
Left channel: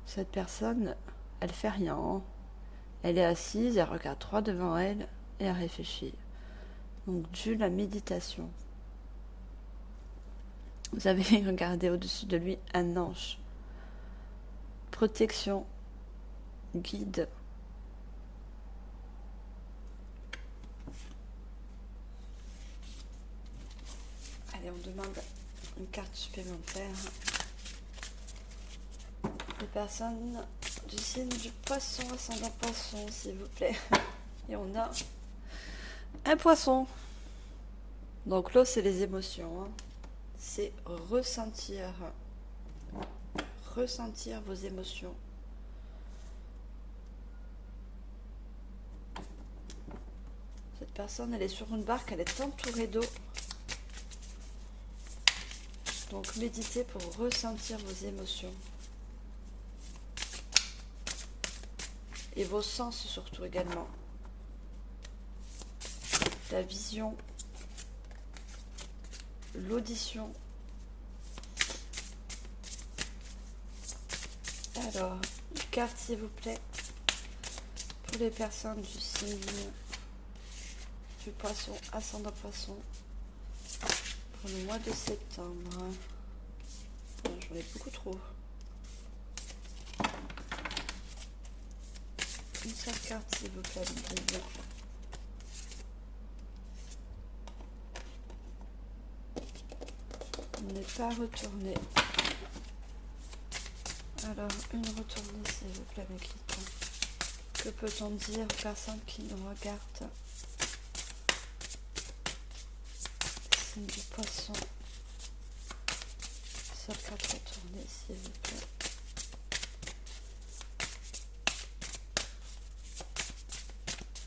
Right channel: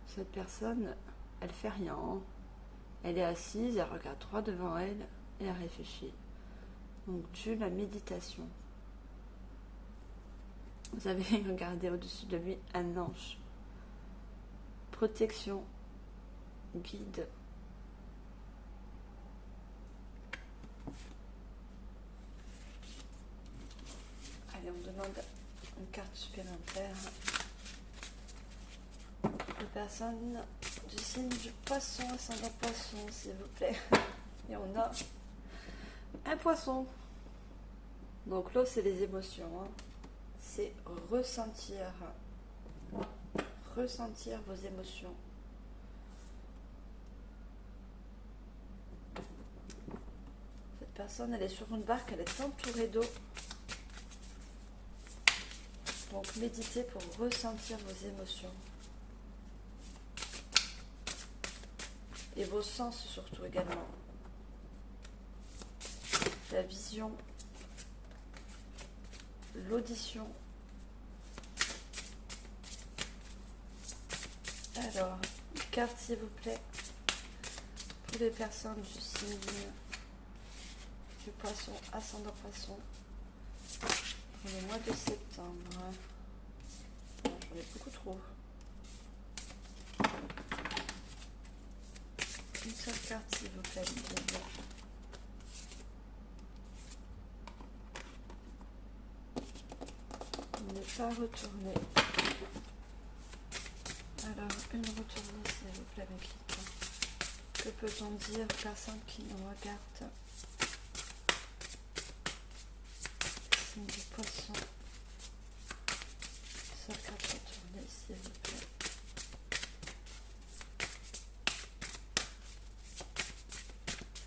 Cette personne, elle fait rien. Hein. Elle est assise, elle regarde droit devant elle et elle réfléchit. Donc, dû la méditation. Vous avez regardé au-dessus de lui un ange. Protection, guide. Allez, on demande une carte supplémentaire. Les personnes du signe du poisson, ascendant poisson, s'il vous plaît. Et on a un poisson. Donc l'eau, c'est les émotions. Hein. C'est ressentir vos émotions. Cette personne, elle est sur une barque, elle est entourée d'eau. Donc méditez pour ressentir vos émotions. Et vos sens surtout également. La vision, l'audition. Alors, une carte s'il vous plaît, pour les personnes du signe du poisson, ascendant poisson, pour le mois de septembre. J'en ai beaucoup trop. Une seule carte s'il vous plaît, on n'est pas retourné. Alors, une retournée s'il vous plaît avec les temps. Que peut-on dire, personne qui nous regarde? Signe du poisson. Seule carte retournée s'il vous plaît.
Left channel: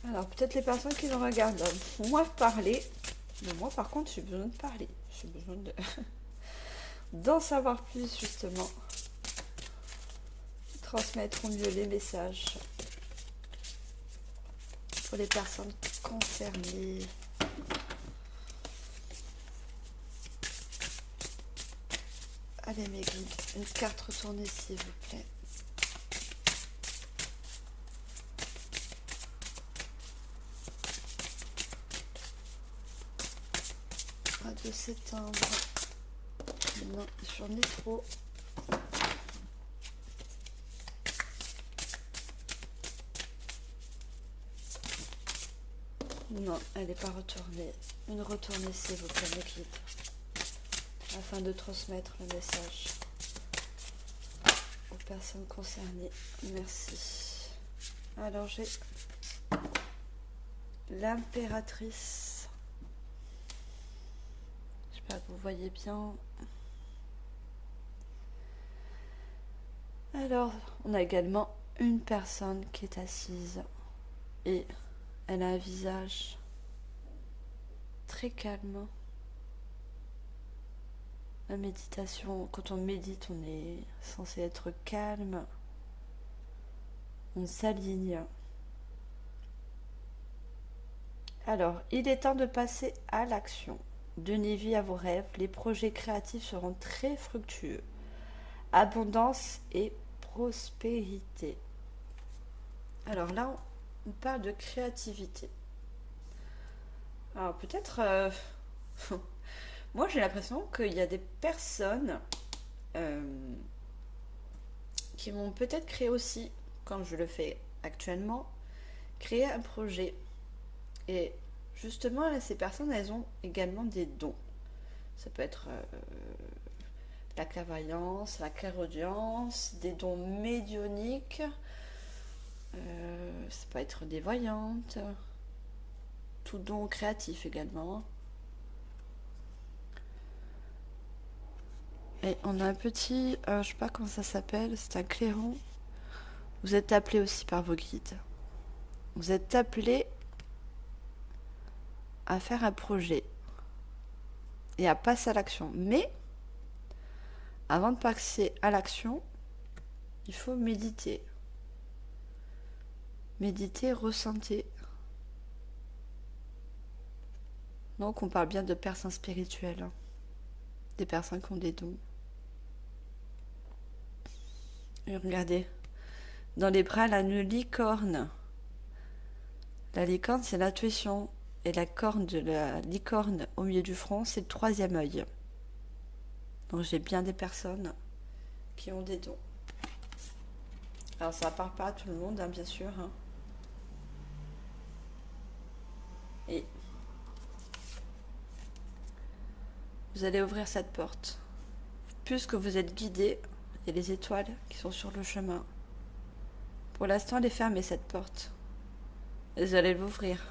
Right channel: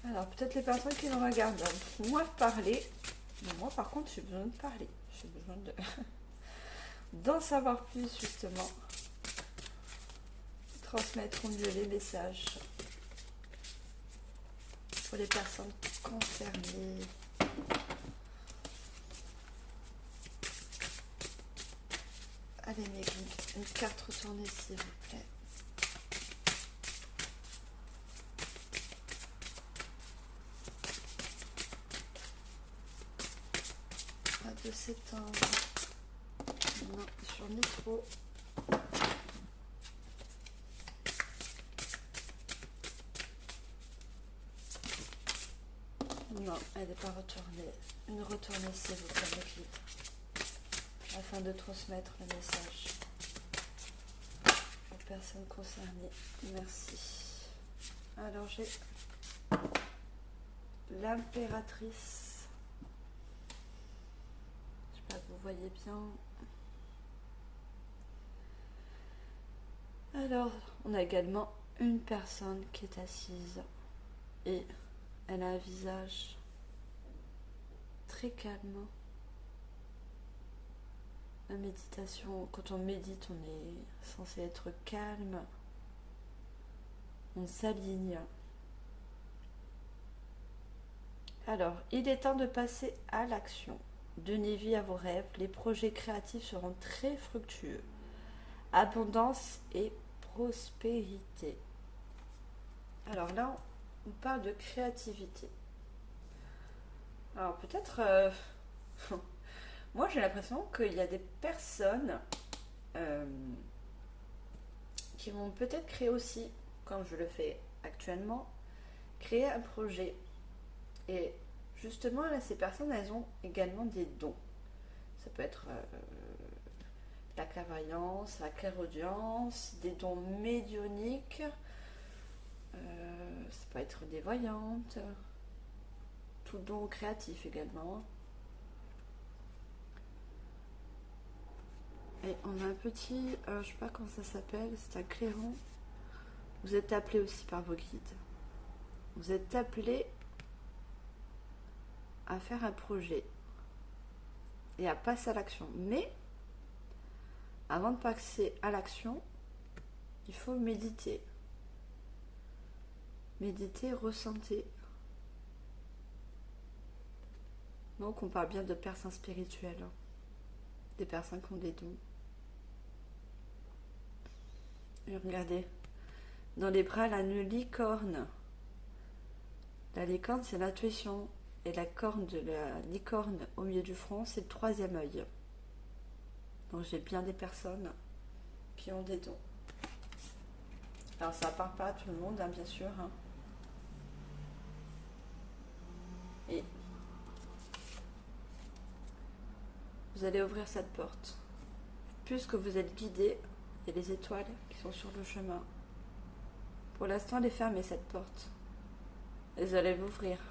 Alors, peut-être les personnes qui nous regardent moi parler. Mais moi, par contre, j'ai besoin de parler. J'ai besoin de d'en savoir plus, justement. Transmettre au mieux les messages pour les personnes concernées. Allez, mes guides, une carte retournée, s'il vous plaît. De septembre. Non, j'en ai trop. Non, elle n'est pas retournée. Une retournée, s'il vous plaît, mes guides, afin de transmettre le message aux personnes concernées. Merci. Alors, j'ai l'impératrice. Vous voyez bien. Alors, on a également une personne qui est assise et elle a un visage très calme. La méditation, quand on médite, on est censé être calme. On s'aligne. Alors, il est temps de passer à l'action. Donnez vie à vos rêves, les projets créatifs seront très fructueux. Abondance et prospérité. Alors là, on parle de créativité. Alors peut-être, moi j'ai l'impression qu'il y a des personnes qui vont peut-être créer aussi, comme je le fais actuellement, créer un projet. Et justement, là, ces personnes, elles ont également des dons. Ça peut être la clairvoyance, la clairaudience, des dons médiumniques. Ça peut être des voyantes. Tout don créatif également. Et on a un petit, je sais pas comment ça s'appelle, c'est un clairon. Vous êtes appelé aussi par vos guides. Vous êtes appelé à faire un projet et à passer à l'action. Mais avant de passer à l'action, il faut méditer. Méditer, ressentir. Donc on parle bien de personnes spirituelles, hein. Des personnes qui ont des dons. Et regardez, dans les bras, la licorne. La licorne, c'est l'intuition. Et la corne de la licorne au milieu du front, c'est le troisième œil. Donc j'ai bien des personnes qui ont des dons. Alors ça ne parle pas à tout le monde, hein, bien sûr. Hein. Et vous allez ouvrir cette porte. Puisque vous êtes guidé, il y a les étoiles qui sont sur le chemin. Pour l'instant, elle est fermée, cette porte. Et vous allez l'ouvrir.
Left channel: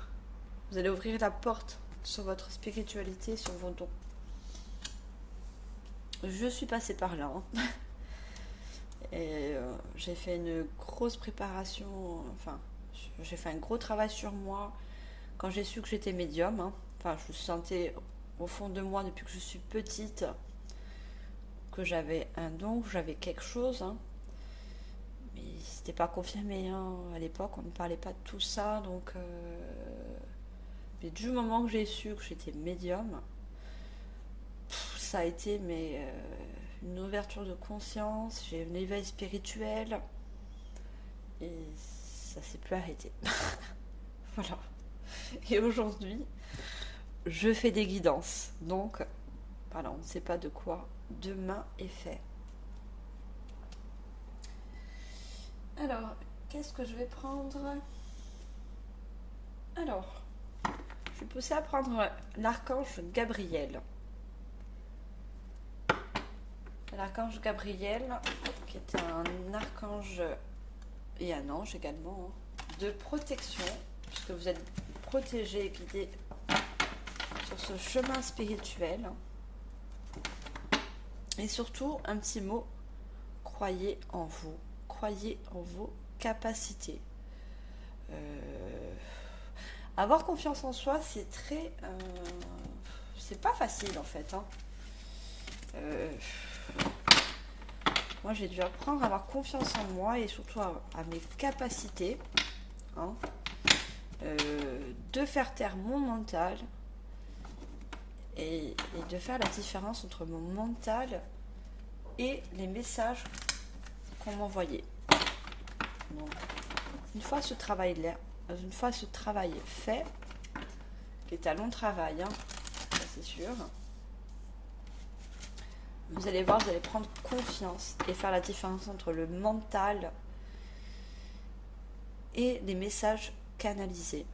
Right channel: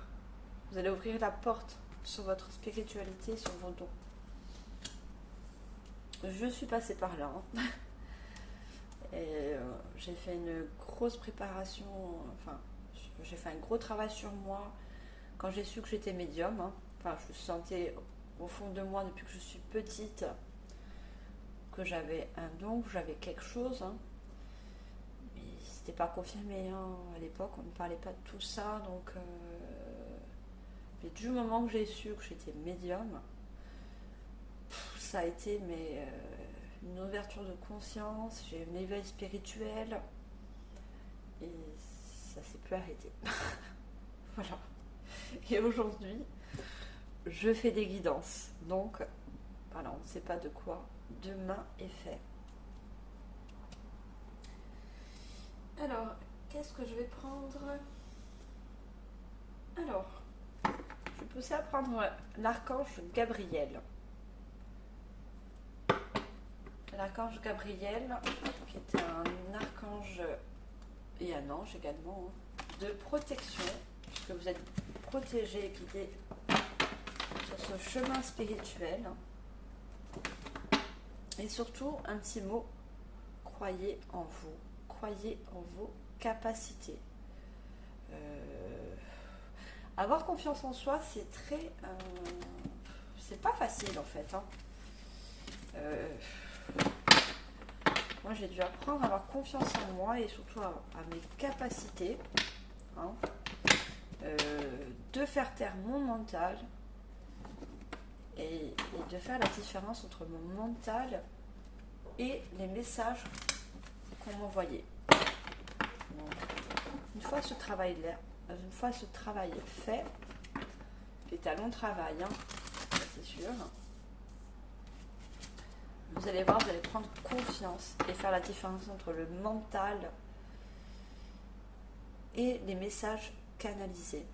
Vous allez ouvrir la porte sur votre spiritualité, sur vos dons. Je suis passée par là. Et j'ai fait une grosse préparation. Enfin, j'ai fait un gros travail sur moi quand j'ai su que j'étais médium. Enfin, je sentais au fond de moi depuis que je suis petite que j'avais un don, que j'avais quelque chose. Mais c'était pas confirmé. À l'époque, on ne parlait pas de tout ça. Donc, du moment que j'ai su que j'étais médium, ça a été une ouverture de conscience, j'ai un éveil spirituel et ça s'est plus arrêté. Voilà. Et aujourd'hui, je fais des guidances. Donc, voilà, on ne sait pas de quoi demain est fait. Alors, qu'est-ce que je vais prendre? Alors, je vais pousser à prendre l'archange Gabriel. L'archange Gabriel, qui est un archange et un ange également, de protection, puisque vous êtes protégé et guidé sur ce chemin spirituel. Et surtout, un petit mot, croyez en vous, croyez en vos capacités. Avoir confiance en soi, c'est très... c'est pas facile en fait. Moi, j'ai dû apprendre à avoir confiance en moi et surtout à mes capacités, de faire taire mon mental et de faire la différence entre mon mental et les messages qu'on m'envoyait. Une fois ce travail est fait, qui est un long travail, c'est sûr. Vous allez voir, vous allez prendre confiance et faire la différence entre le mental et les messages canalisés.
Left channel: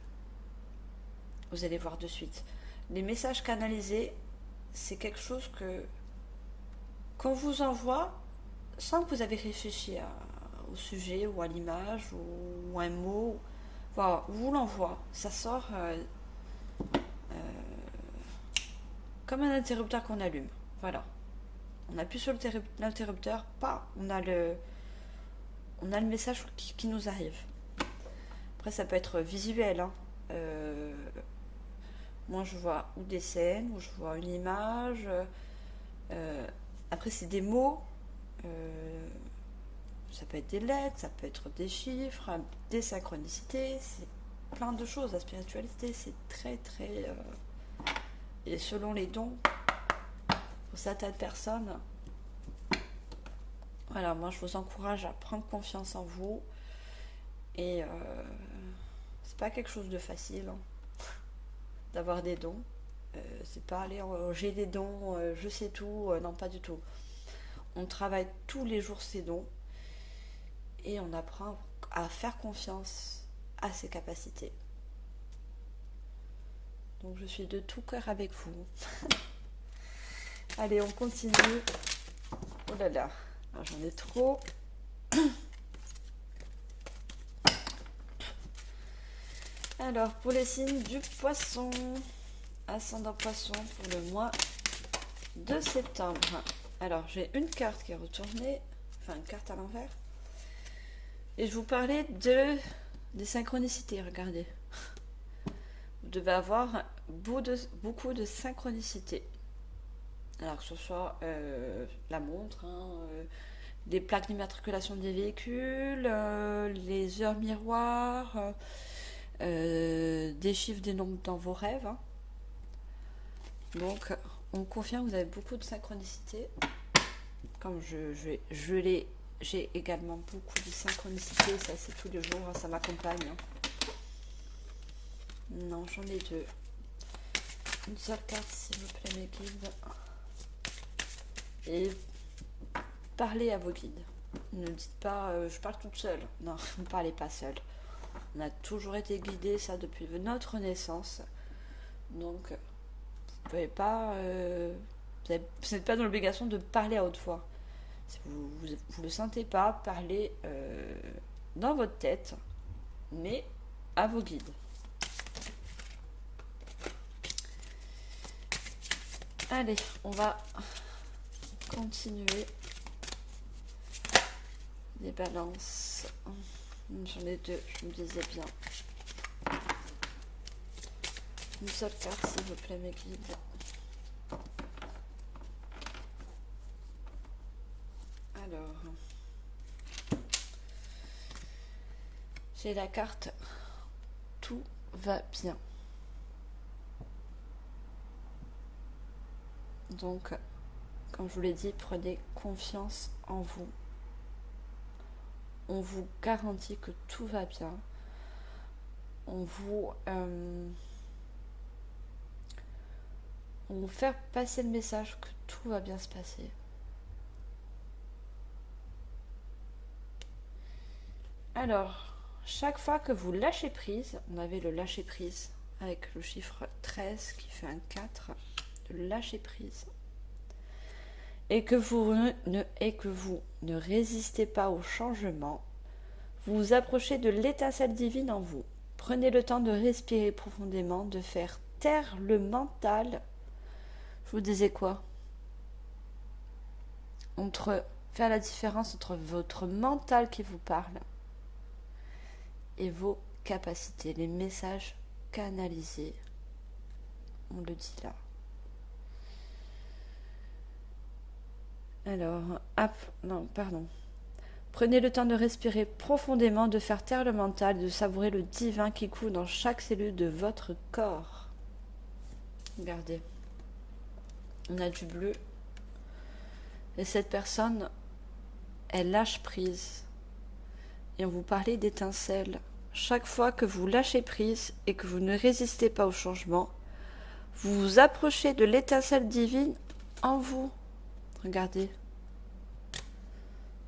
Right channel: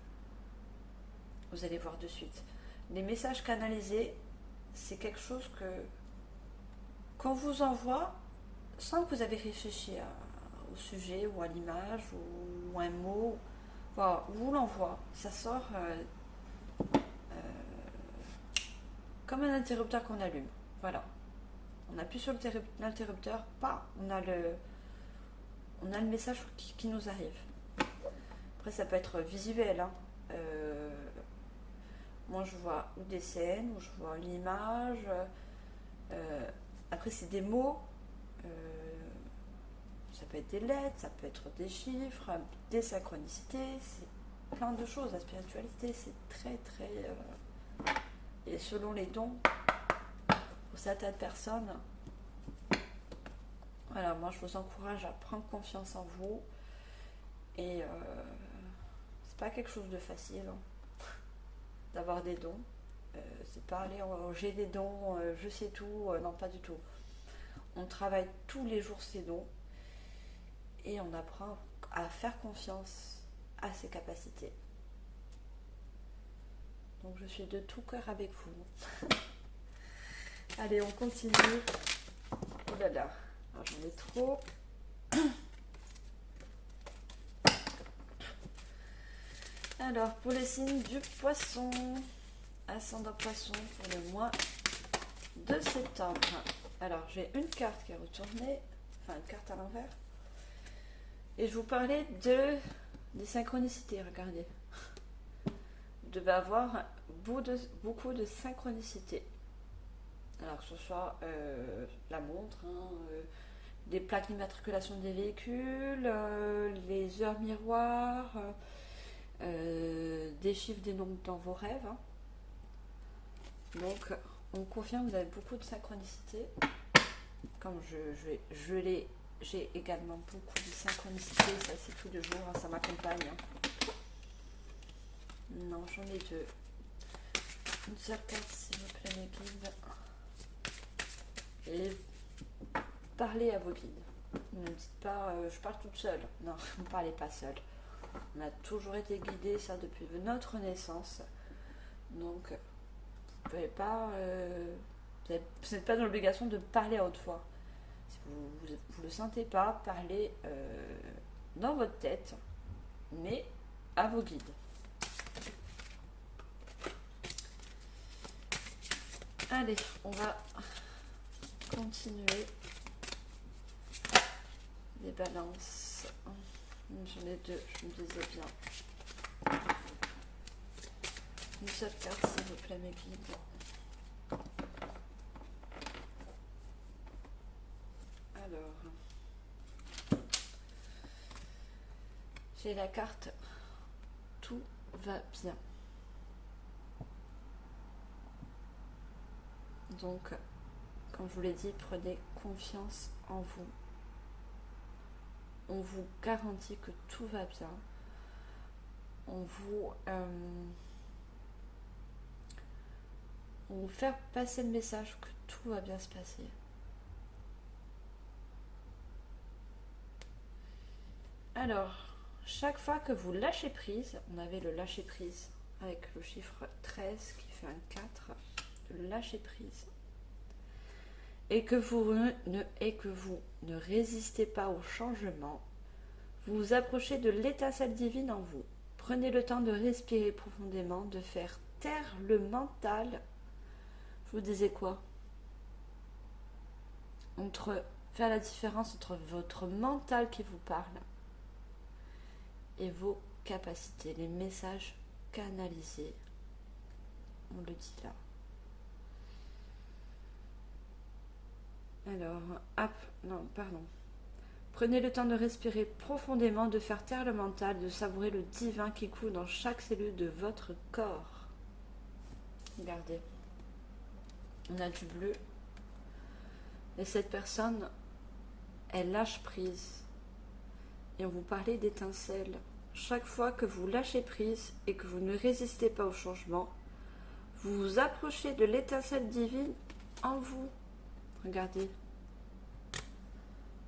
Vous allez voir de suite. Les messages canalisés, c'est quelque chose qu'on vous envoie sans que vous avez réfléchi au sujet ou à l'image ou à un mot. Voilà, on vous l'envoie. Ça sort comme un interrupteur qu'on allume. Voilà. On appuie sur l'interrupteur, on a le message qui nous arrive. Après, ça peut être visuel. Moi, je vois ou des scènes, ou je vois une image. Après, c'est des mots. Ça peut être des lettres, ça peut être des chiffres, des synchronicités. C'est plein de choses. La spiritualité, c'est très, très... et selon les dons, pour certaines personnes, voilà, moi je vous encourage à prendre confiance en vous et c'est pas quelque chose de facile d'avoir des dons. C'est pas aller j'ai des dons, je sais tout, non pas du tout. On travaille tous les jours ces dons et on apprend à faire confiance à ses capacités. Donc je suis de tout cœur avec vous. Allez, on continue. Oh là là, j'en ai trop. Alors, pour les signes du poisson, ascendant poisson pour le mois de septembre. Alors, j'ai une carte qui est retournée, enfin une carte à l'envers. Et je vous parlais des synchronicités, regardez. Vous devez avoir beaucoup de synchronicités. Alors que ce soit la montre, les plaques d'immatriculation des véhicules, les heures miroirs, des chiffres, des nombres dans vos rêves. Donc, on confirme que vous avez beaucoup de synchronicité. Comme j'ai également beaucoup de synchronicité, ça c'est tous les jours, ça m'accompagne. Non, j'en ai deux. Une seule carte, s'il vous plaît, mes guides. Et parlez à vos guides. Ne dites pas je parle toute seule. Non, ne parlez pas seule. On a toujours été guidés, ça, depuis notre naissance. Donc, vous ne pouvez pas Vous n'êtes pas dans l'obligation de parler à haute voix. Si vous ne le sentez pas, parlez dans votre tête, mais à vos guides. Allez, on va continuer. Les balances. J'en ai deux, je me disais bien. Une seule carte, s'il vous plaît, mes guides. Alors, j'ai la carte Tout va bien. Donc, comme je vous l'ai dit, prenez confiance en vous. On vous garantit que tout va bien. On vous fait passer le message que tout va bien se passer. Alors, chaque fois que vous lâchez prise, on avait le lâcher prise avec le chiffre 13 qui fait un 4, de lâcher prise, et que vous ne résistez pas au changement, vous vous approchez de l'étincelle divine en vous. Prenez le temps de respirer profondément, de faire taire le mental. Je vous disais quoi? Faire la différence entre votre mental qui vous parle et vos capacités, les messages canalisés. On le dit là. Alors, pardon. Prenez le temps de respirer profondément, de faire taire le mental, de savourer le divin qui coule dans chaque cellule de votre corps. Regardez. On a du bleu. Et cette personne, elle lâche prise. Et on vous parlait d'étincelles. Chaque fois que vous lâchez prise et que vous ne résistez pas au changement, vous vous approchez de l'étincelle divine en vous. Regardez.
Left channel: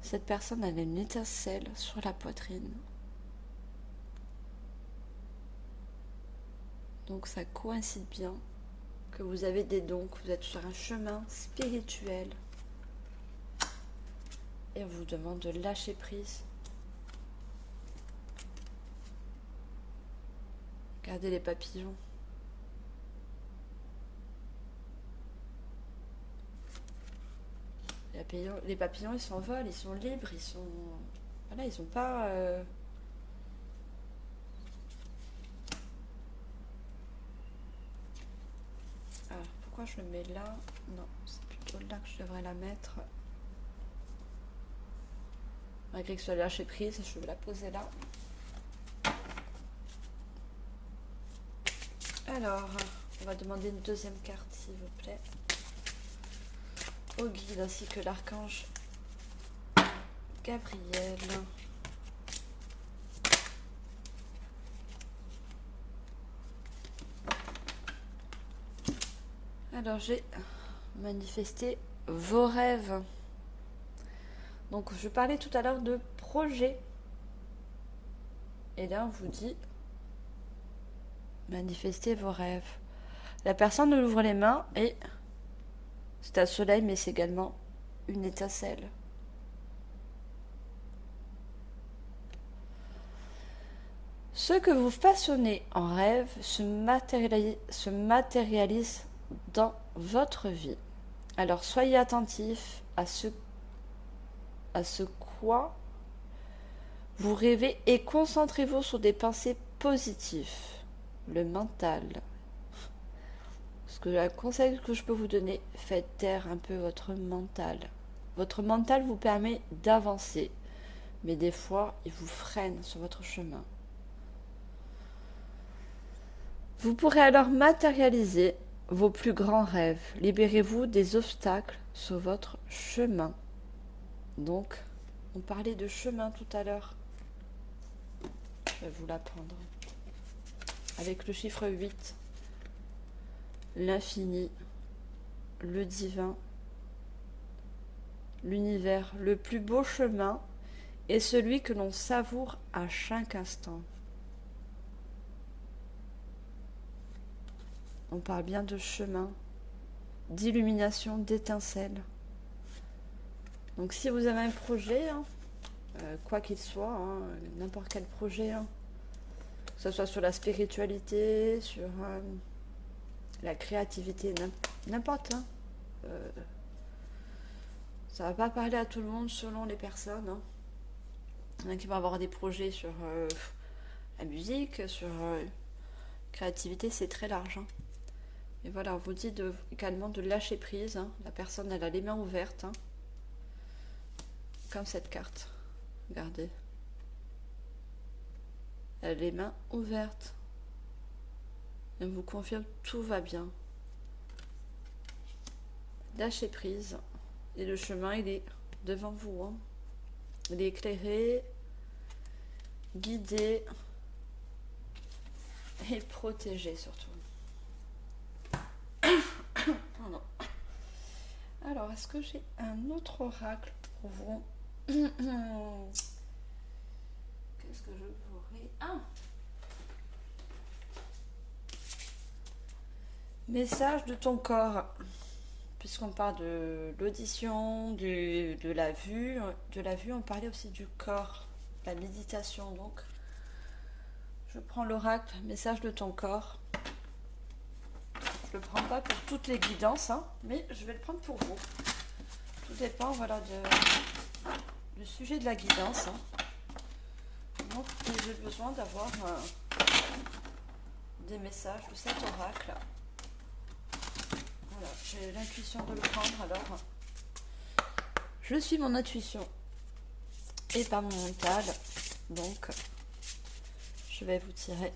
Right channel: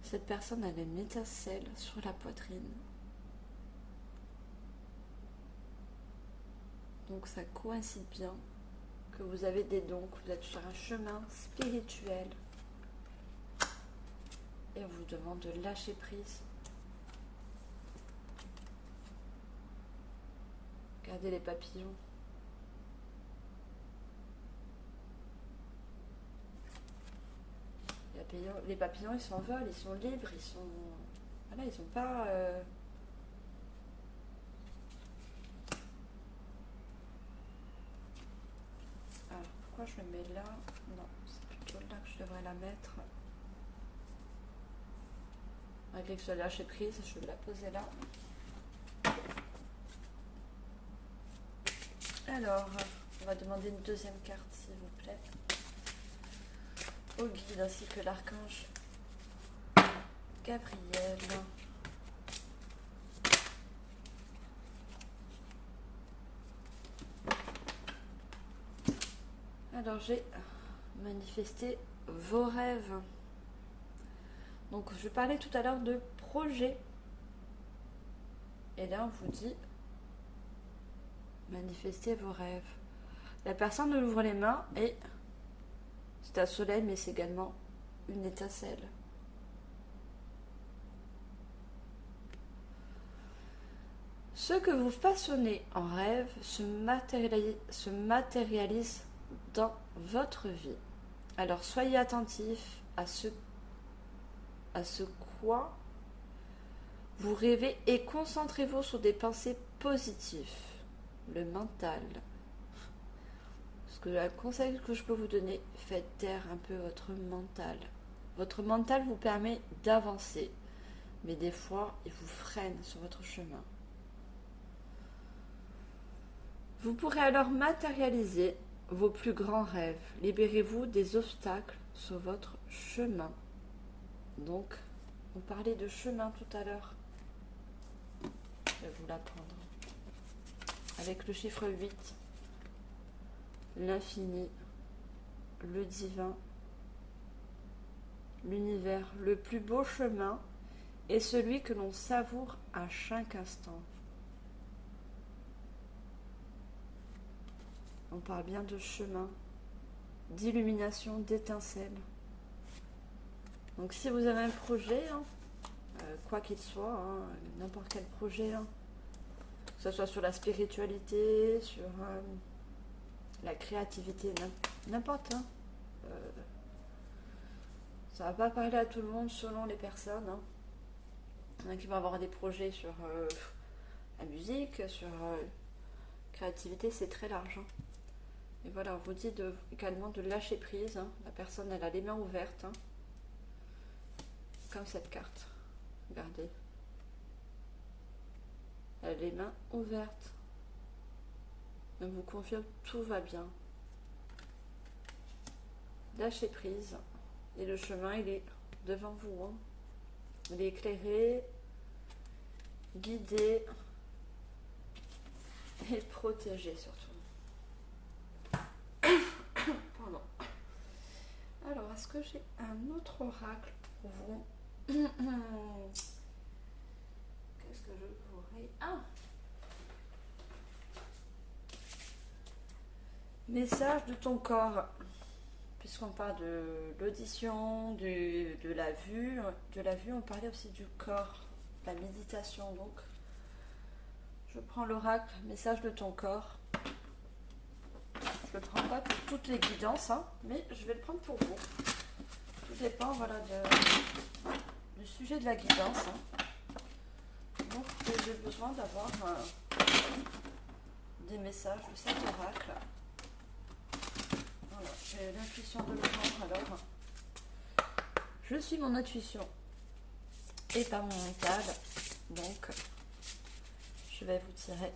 Cette personne a une étincelle sur la poitrine. Donc ça coïncide bien que vous avez des dons, que vous êtes sur un chemin spirituel. Et on vous demande de lâcher prise. Regardez les papillons. Les papillons, ils s'envolent, ils sont libres, ils sont... Voilà, ils sont pas... Alors, pourquoi je le mets là? Non, c'est plutôt là que je devrais la mettre. Malgré que ce soit lâché prise, je vais la poser là. Alors, on va demander une deuxième carte, s'il vous plaît. Au guide ainsi que l'archange Gabriel. Alors j'ai manifesté vos rêves. Donc je parlais tout à l'heure de projet. Et là on vous dit manifestez vos rêves. La personne nous ouvre les mains et c'est un soleil, mais c'est également une étincelle. Ce que vous façonnez en rêve se matérialise dans votre vie. Alors soyez attentifs à ce quoi vous rêvez et concentrez-vous sur des pensées positives. Le mental. Un conseil que je peux vous donner, faites taire un peu votre mental. Votre mental vous permet d'avancer, mais des fois, il vous freine sur votre chemin. Vous pourrez alors matérialiser vos plus grands rêves. Libérez-vous des obstacles sur votre chemin. Donc, on parlait de chemin tout à l'heure. Je vais vous l'apprendre. Avec le chiffre 8. L'infini, le divin, l'univers, le plus beau chemin est celui que l'on savoure à chaque instant. On parle bien de chemin. d'illumination, d'étincelles. Donc si vous avez un projet, hein, quoi qu'il soit, hein, n'importe quel projet, hein, que ce soit sur la spiritualité, sur la créativité, n'importe. Hein, ça va pas parler à tout le monde selon les personnes. Hein. Il y en a qui vont avoir des projets sur la musique, sur créativité, c'est très large. Hein. Et voilà, on vous dit également de lâcher prise. Hein. La personne, elle a les mains ouvertes. Hein. Comme cette carte. Regardez. Elle a les mains ouvertes. Elle vous confirme tout va bien. Lâchez prise. Et le chemin, il est devant vous. Hein. Il est éclairé, guidé et protégé surtout. Pardon. Alors, est-ce que j'ai un autre oracle pour vous? Qu'est-ce que je pourrais... Ah! Message de ton corps. Puisqu'on parle de l'audition, de la vue, on parlait aussi du corps, la méditation. Donc, je prends l'oracle, message de ton corps. Je ne le prends pas pour toutes les guidances, hein, mais je vais le prendre pour vous. Tout dépend, voilà, du sujet de la guidance. Hein. Donc, j'ai besoin d'avoir des messages de cet oracle. Voilà, j'ai l'intuition de le prendre, alors je suis mon intuition et pas mon mental, donc je vais vous tirer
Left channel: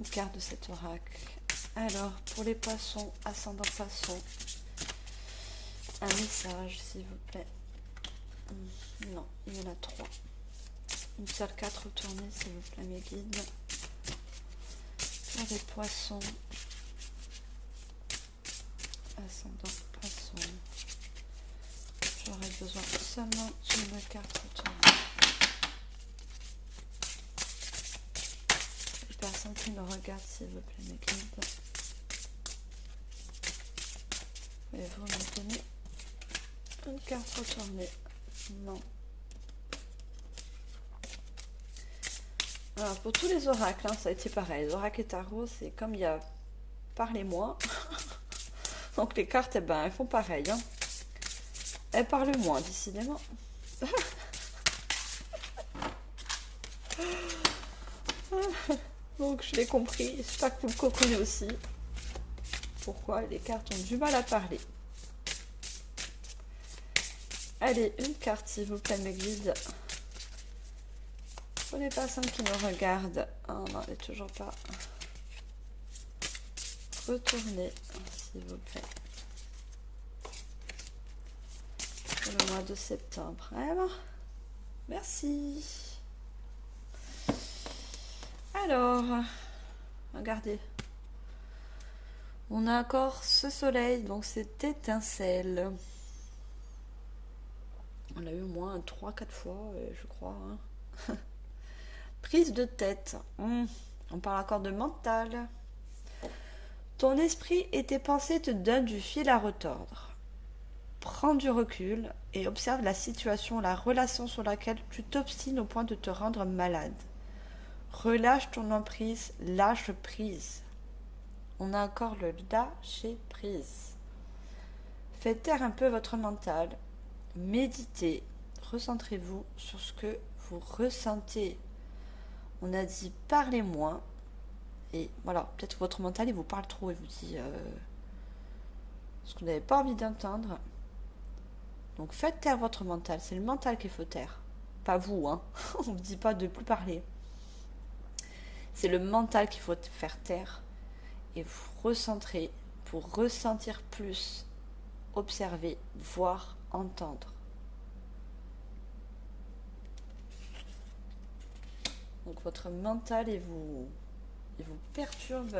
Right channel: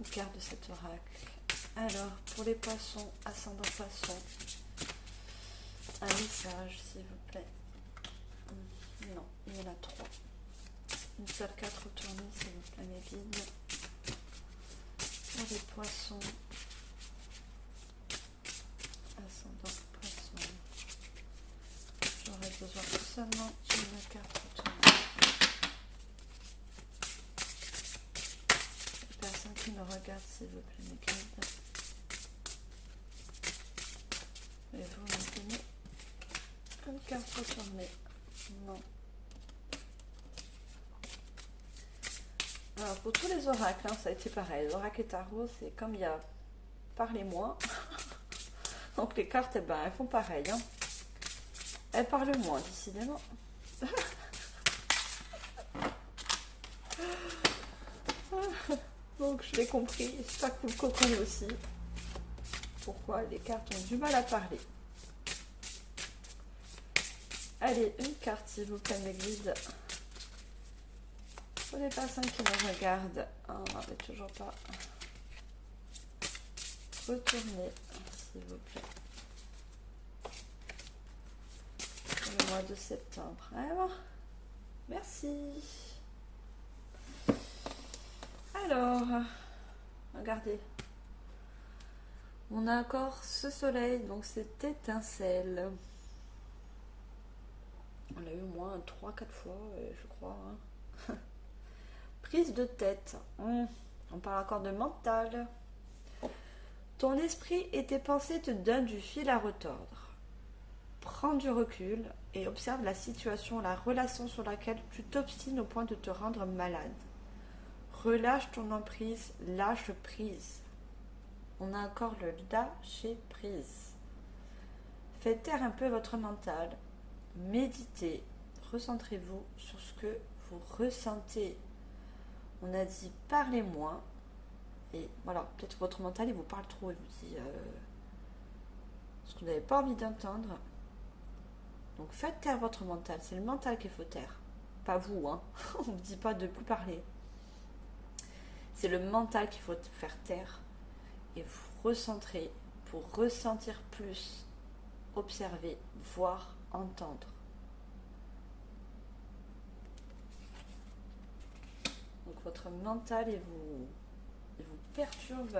une carte de cet oracle. Alors, pour les poissons, ascendant poisson, un message s'il vous plaît. Non, il y en a 3. Une seule carte retournée s'il vous plaît mes guides. Pour les poissons, ascendant poisson, j'aurais besoin seulement d'une carte retournée. Les personnes qui me regardent s'il vous plaît mes guides. Et vous me donnez une carte retournée. Non. Alors, pour tous les oracles, hein, ça a été pareil. Les oracles et tarot, c'est comme il y a parlez-moi. Donc les cartes, eh ben, elles font pareil. Hein. Elles parlent moins, décidément. Donc je l'ai compris. J'espère que vous le comprenez aussi. Pourquoi les cartes ont du mal à parler. Allez, une carte s'il vous plaît mes guides. Pour les personnes qui me regardent, oh, non, elle n'est toujours pas retournée, s'il vous plaît. Pour le mois de septembre. Alors, merci. Alors, regardez. On a encore ce soleil, donc cette étincelle. On l'a eu au moins 3-4 fois, je crois. Hein. Prise de tête. On parle encore de mental. Ton esprit et tes pensées te donnent du fil à retordre. Prends du recul et observe la situation, la relation sur laquelle tu t'obstines au point de te rendre malade. Relâche ton emprise, lâche prise. On a encore le lâcher prise. Faites taire un peu votre mental. Méditez. Recentrez-vous sur ce que vous ressentez. On a dit parlez moins. Et voilà, peut-être que votre mental il vous parle trop et vous dit ce que vous n'avez pas envie d'entendre. Donc faites taire votre mental. C'est le mental qu'il faut taire. Pas vous, hein. On ne vous dit pas de plus parler. C'est le mental qu'il faut faire taire. Et vous recentrer pour ressentir plus, observer, voir, entendre. Donc votre mental il vous perturbe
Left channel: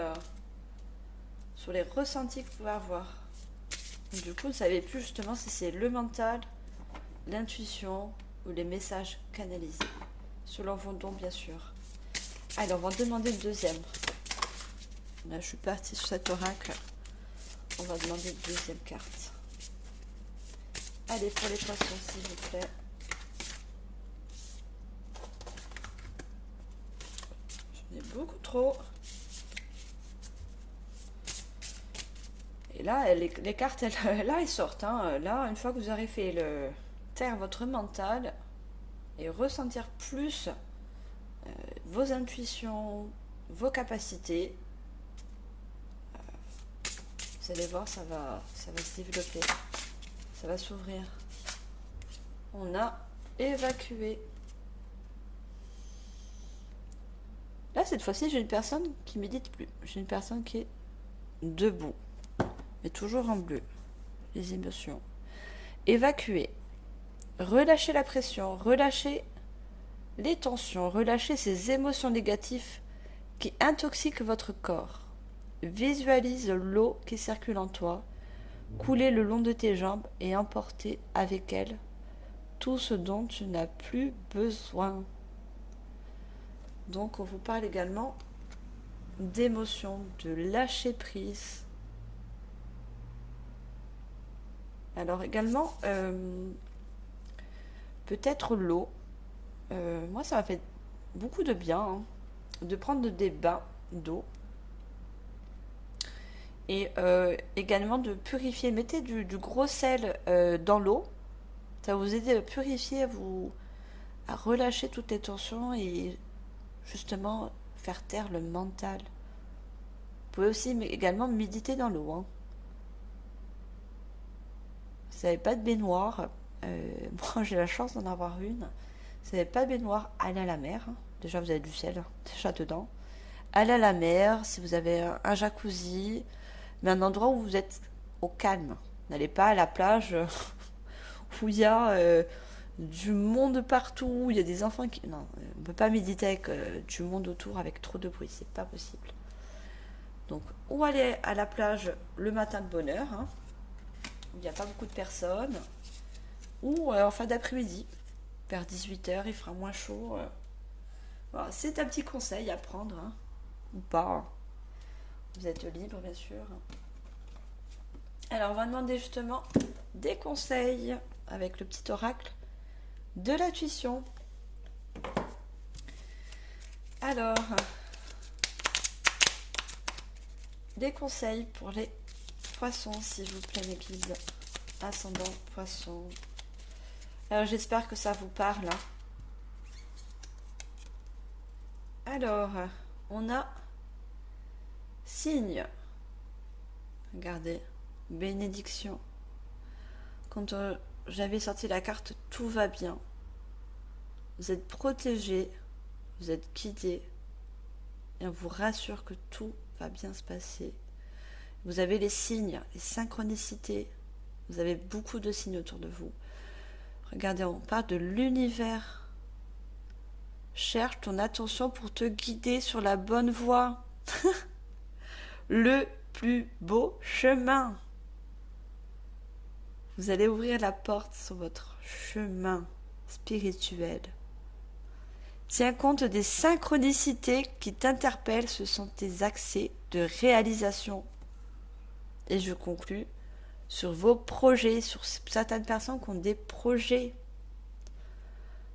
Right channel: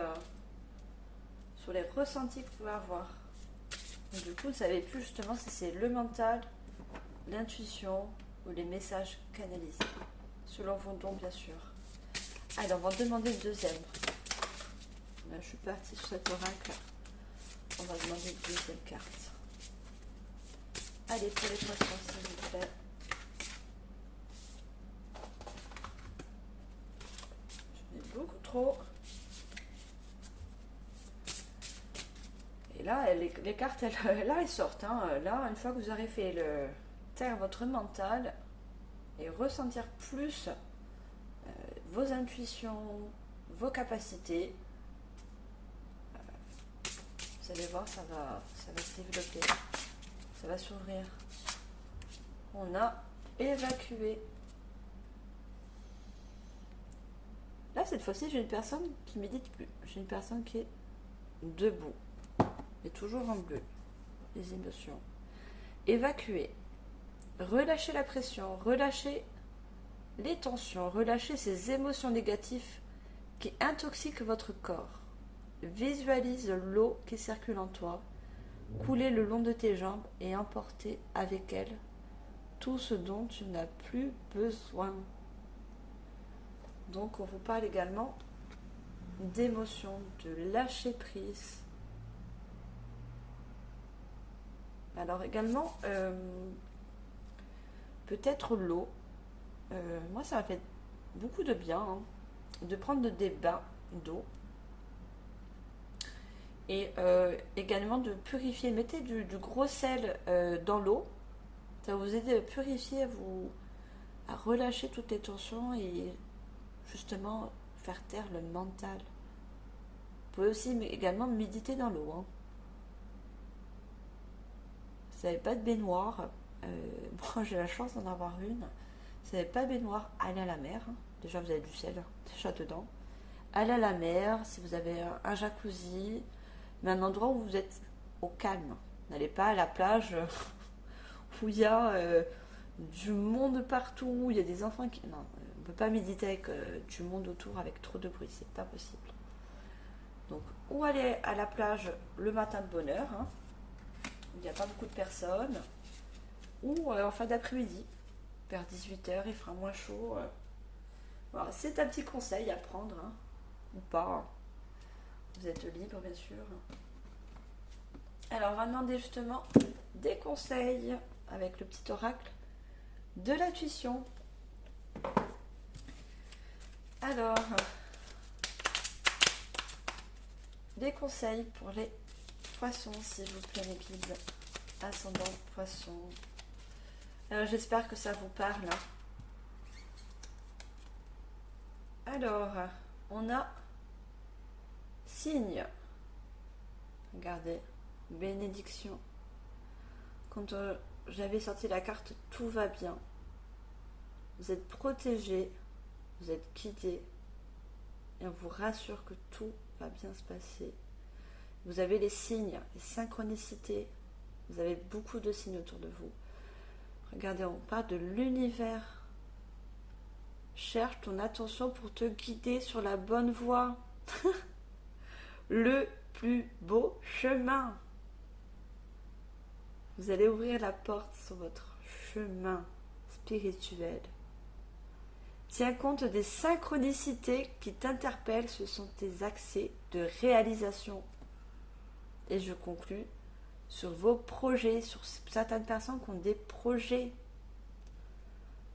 sur les ressentis que vous pouvez avoir. Donc, du coup, vous ne savez plus justement si c'est le mental, l'intuition ou les messages canalisés. Selon vos dons, bien sûr. Allez, on va demander le deuxième. Là, je suis partie sur cet oracle. On va demander une deuxième carte. Allez, pour les poissons, s'il vous plaît. J'en ai beaucoup trop. Et là, les cartes, là, elles sortent. Hein. Là, une fois que vous aurez fait le taire votre mental et ressentir plus vos intuitions, vos capacités, vous allez voir, ça va se développer, ça va s'ouvrir. On a évacué. Là, cette fois-ci, j'ai une personne qui médite plus. J'ai une personne qui est debout, mais toujours en bleu. Les émotions. Évacuer. Relâchez la pression, relâchez les tensions, relâchez ces émotions négatives qui intoxiquent votre corps. Visualise l'eau qui circule en toi, couler le long de tes jambes et emporter avec elle tout ce dont tu n'as plus besoin. Donc on vous parle également d'émotion, de lâcher prise. Alors également, peut-être l'eau. Moi ça m'a fait beaucoup de bien hein, de prendre des bains d'eau. Et également de purifier. Mettez du gros sel dans l'eau. Ça va vous aider à purifier, à relâcher toutes les tensions et justement faire taire le mental. Vous pouvez aussi également méditer dans l'eau. Hein. Si vous n'avez pas de baignoire, moi j'ai la chance d'en avoir une. Si vous n'avez pas de baignoire, allez à la mer. Hein. Déjà vous avez du sel déjà dedans. Allez à la mer, si vous avez un jacuzzi, mais un endroit où vous êtes au calme. N'allez pas à la plage où il y a du monde partout, où il y a des enfants qui... Non, on ne peut pas méditer avec du monde autour avec trop de bruit, c'est pas possible. Donc, ou aller à la plage le matin de bonne heure, hein, où il n'y a pas beaucoup de personnes, ou en fin d'après-midi, vers 18h, il fera moins chaud. Voilà, c'est un petit conseil à prendre, hein, ou pas. Vous êtes libre, bien sûr. Alors, on va demander justement des conseils avec le petit oracle de l'intuition. Alors, des conseils pour les poissons, s'il vous plaît, mes guides. Ascendant poisson. Alors, j'espère que ça vous parle. Alors, on a signe. Regardez, bénédiction. Quand j'avais sorti la carte tout va bien, vous êtes protégé, vous êtes guidé et on vous rassure que tout va bien se passer. Vous avez les signes, les synchronicités, vous avez beaucoup de signes autour de vous. Regardez, on parle de l'univers. Cherche ton attention pour te guider sur la bonne voie. Le plus beau chemin. Vous allez ouvrir la porte sur votre chemin spirituel. Tiens compte des synchronicités qui t'interpellent, ce sont tes accès de réalisation. Et je conclus sur vos projets, sur certaines personnes qui ont des projets.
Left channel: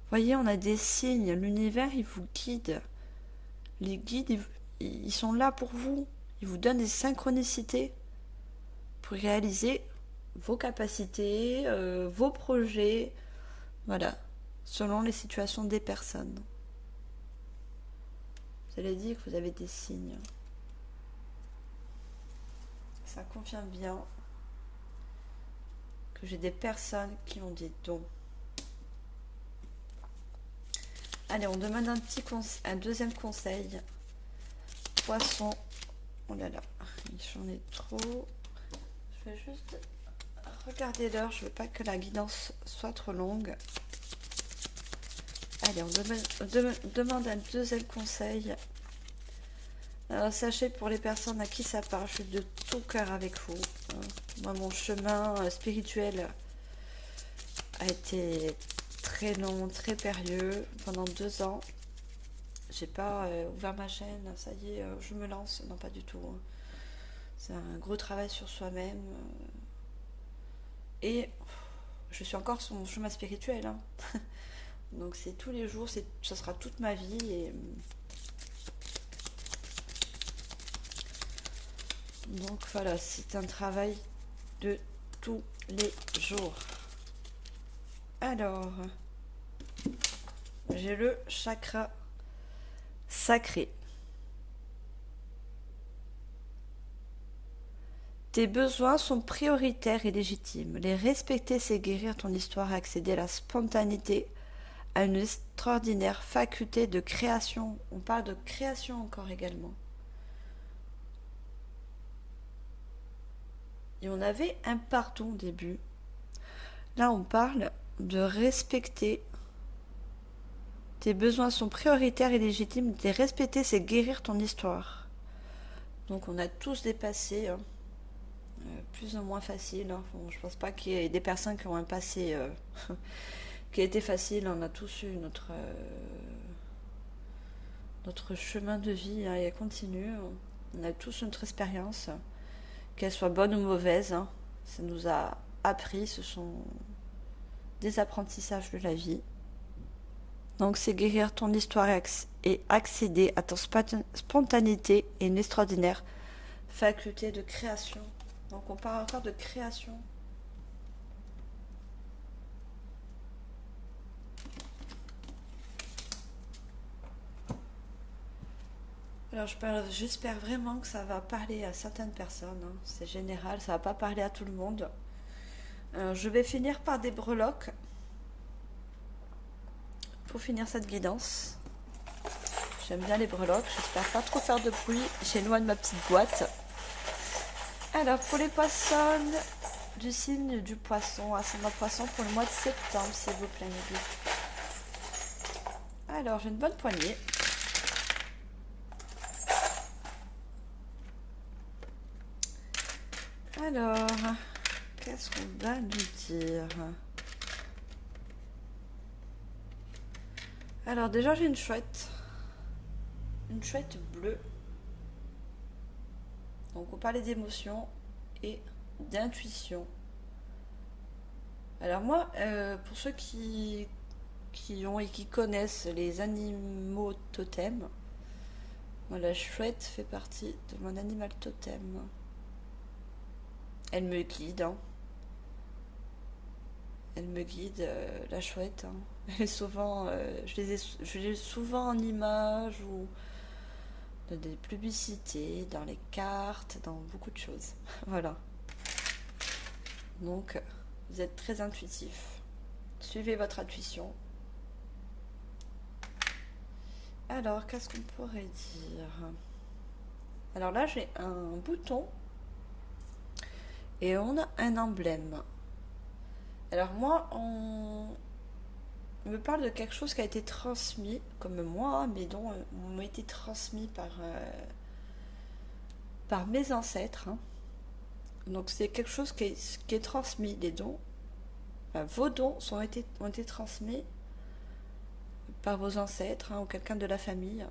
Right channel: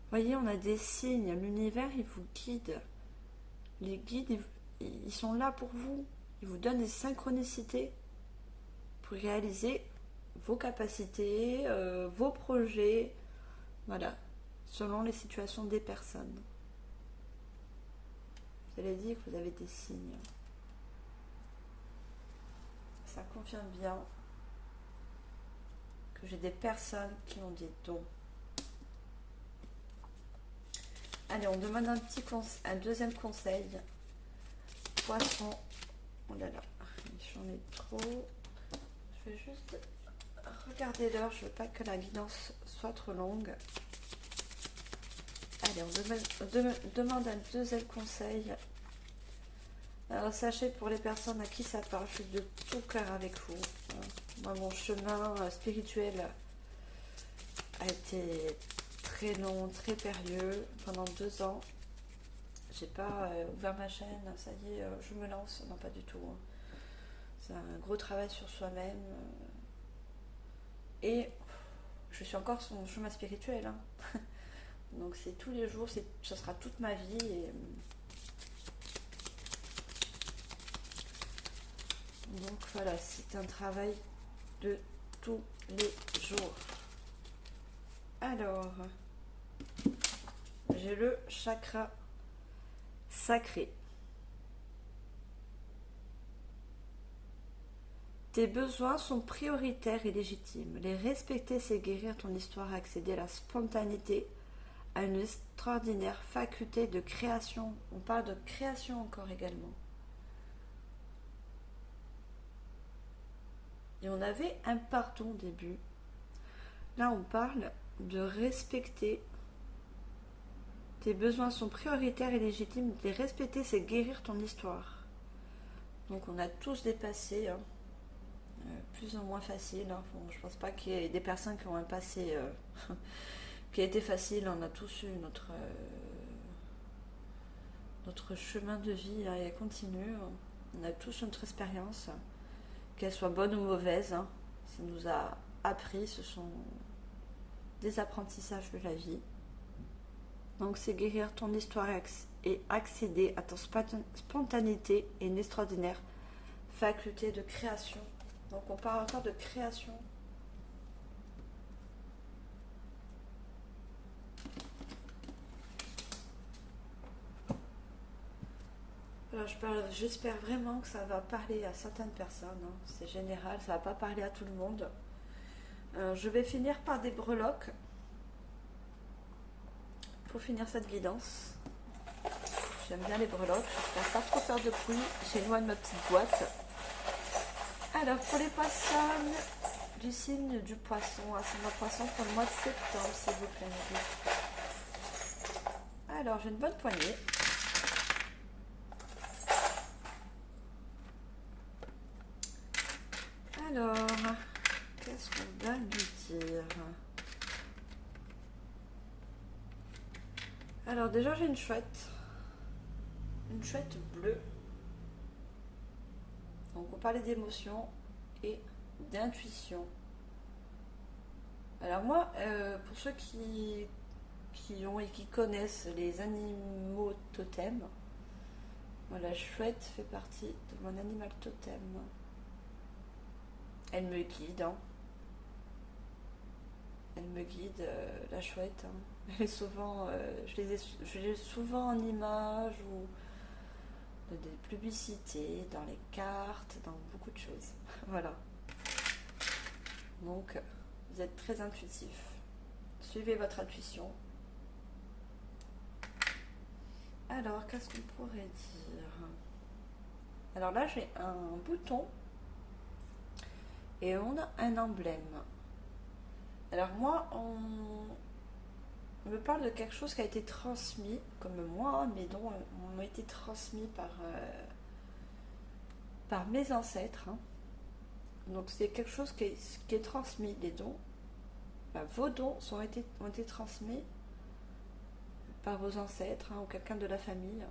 Voyez, on a des signes, l'univers il vous guide. Les guides, ils sont là pour vous. Ils vous donnent des synchronicités pour réaliser vos capacités, vos projets, voilà, selon les situations des personnes. Vous avez dit que vous avez des signes. Ça confirme bien que j'ai des personnes qui ont des dons. Allez, on demande un deuxième conseil. Poisson. Oh là là, j'en ai trop. Je vais juste regarder l'heure. Je veux pas que la guidance soit trop longue. Allez, on demande un deuxième conseil. Alors, sachez pour les personnes à qui ça parle, je suis de tout cœur avec vous. Moi, mon chemin spirituel a été très long, très périlleux pendant 2 ans. J'ai pas ouvert ma chaîne, ça y est, je me lance. Non, pas du tout, hein. C'est un gros travail sur soi-même. Et je suis encore sur mon chemin spirituel, hein. Donc c'est tous les jours, ça sera toute ma vie. Et donc voilà, c'est un travail de tous les jours. Alors, j'ai le chakra sacré. Tes besoins sont prioritaires et légitimes. Les respecter, c'est guérir ton histoire et accéder à la spontanéité, à une extraordinaire faculté de création. On parle de création encore également. Et on avait un pardon au début. Là, on parle de respecter. Tes besoins sont prioritaires et légitimes. Les respecter, c'est guérir ton histoire. Donc, on a tous des passés, hein, plus ou moins faciles, hein. Bon, je pense pas qu'il y ait des personnes qui ont un passé qui a été facile. On a tous eu notre chemin de vie, hein, et elle continue. On a tous notre expérience, qu'elle soit bonne ou mauvaise, hein. Ça nous a appris, ce sont des apprentissages de la vie. Donc c'est guérir ton histoire et accéder à ton spontanéité et une extraordinaire faculté de création. Donc on parle encore de création. Alors j'espère vraiment que ça va parler à certaines personnes, hein. C'est général, ça va pas parler à tout le monde. Je vais finir par des breloques pour finir cette guidance. J'aime bien les breloques, j'espère pas trop faire de bruit. J'éloigne ma petite boîte. Alors pour les poissons du signe du poisson, ascendant poisson pour le mois de septembre, s'il vous plaît, mes vieux. Alors j'ai une bonne poignée. Alors, qu'est-ce qu'on va lui dire? Alors déjà j'ai une chouette bleue. Donc on parlait d'émotion et d'intuition. Alors moi, pour ceux qui ont et qui connaissent les animaux totems, la chouette fait partie de mon animal totem. Elle me guide, hein. Elle me guide, la chouette, hein. Et souvent, je l'ai souvent en image ou dans des publicités, dans les cartes, dans beaucoup de choses. Voilà. Donc, vous êtes très intuitif. Suivez votre intuition. Alors, qu'est-ce qu'on pourrait dire? Alors là, j'ai un bouton et on a un emblème. Alors moi, on me parle de quelque chose qui a été transmis, comme moi, mais dont on a été transmis par mes ancêtres, hein. Donc c'est quelque chose qui est transmis, les dons. Vos dons ont été transmis par vos ancêtres, hein, ou quelqu'un de la famille.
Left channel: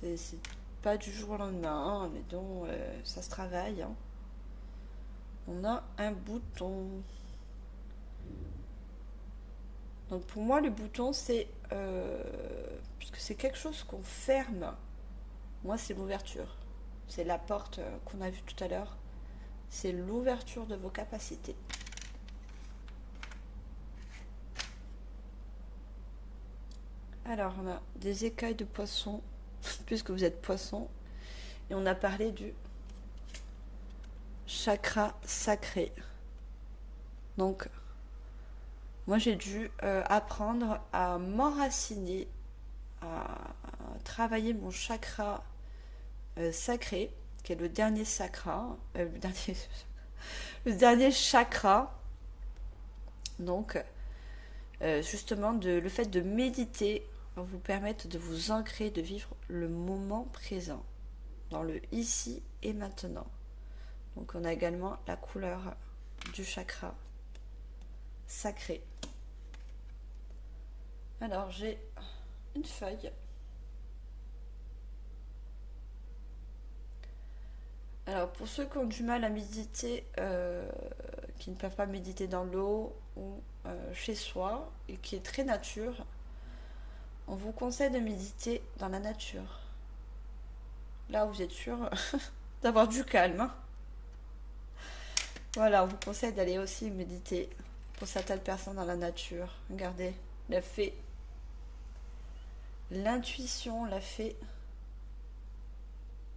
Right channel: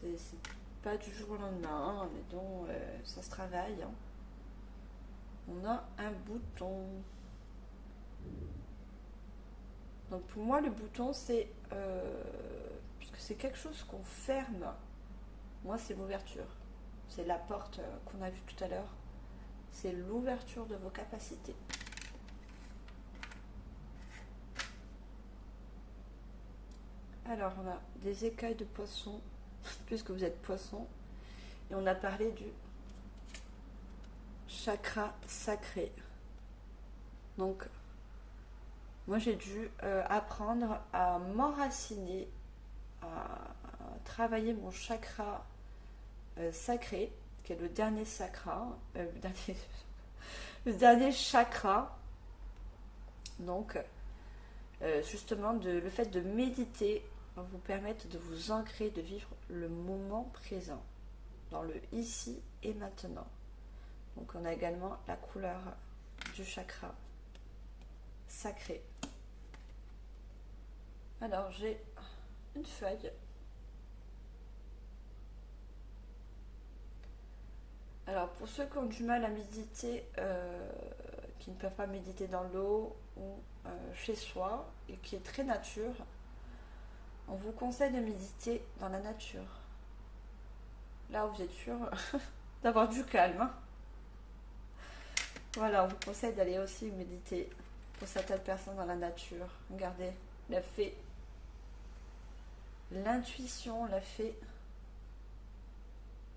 C'est pas du jour au lendemain, hein, les dons, ça se travaille, hein. On a un bouton. Donc pour moi, le bouton, c'est puisque c'est quelque chose qu'on ferme. Moi, c'est l'ouverture. C'est la porte qu'on a vue tout à l'heure. C'est l'ouverture de vos capacités. Alors, on a des écailles de poisson, puisque vous êtes poisson. Et on a parlé du chakra sacré. Donc, moi, j'ai dû apprendre à m'enraciner, à travailler mon chakra sacré, qui est le dernier chakra, le dernier chakra. Donc, justement, le fait de méditer va vous permettre de vous ancrer, de vivre le moment présent, dans le ici et maintenant. Donc, on a également la couleur du chakra sacré. Alors j'ai une feuille. Alors pour ceux qui ont du mal à méditer, qui ne peuvent pas méditer dans l'eau ou chez soi et qui est très nature, on vous conseille de méditer dans la nature. Là où vous êtes sûr d'avoir du calme, hein. Voilà, on vous conseille d'aller aussi méditer pour certaines personnes dans la nature. Regardez, la fée, l'intuition, la fée.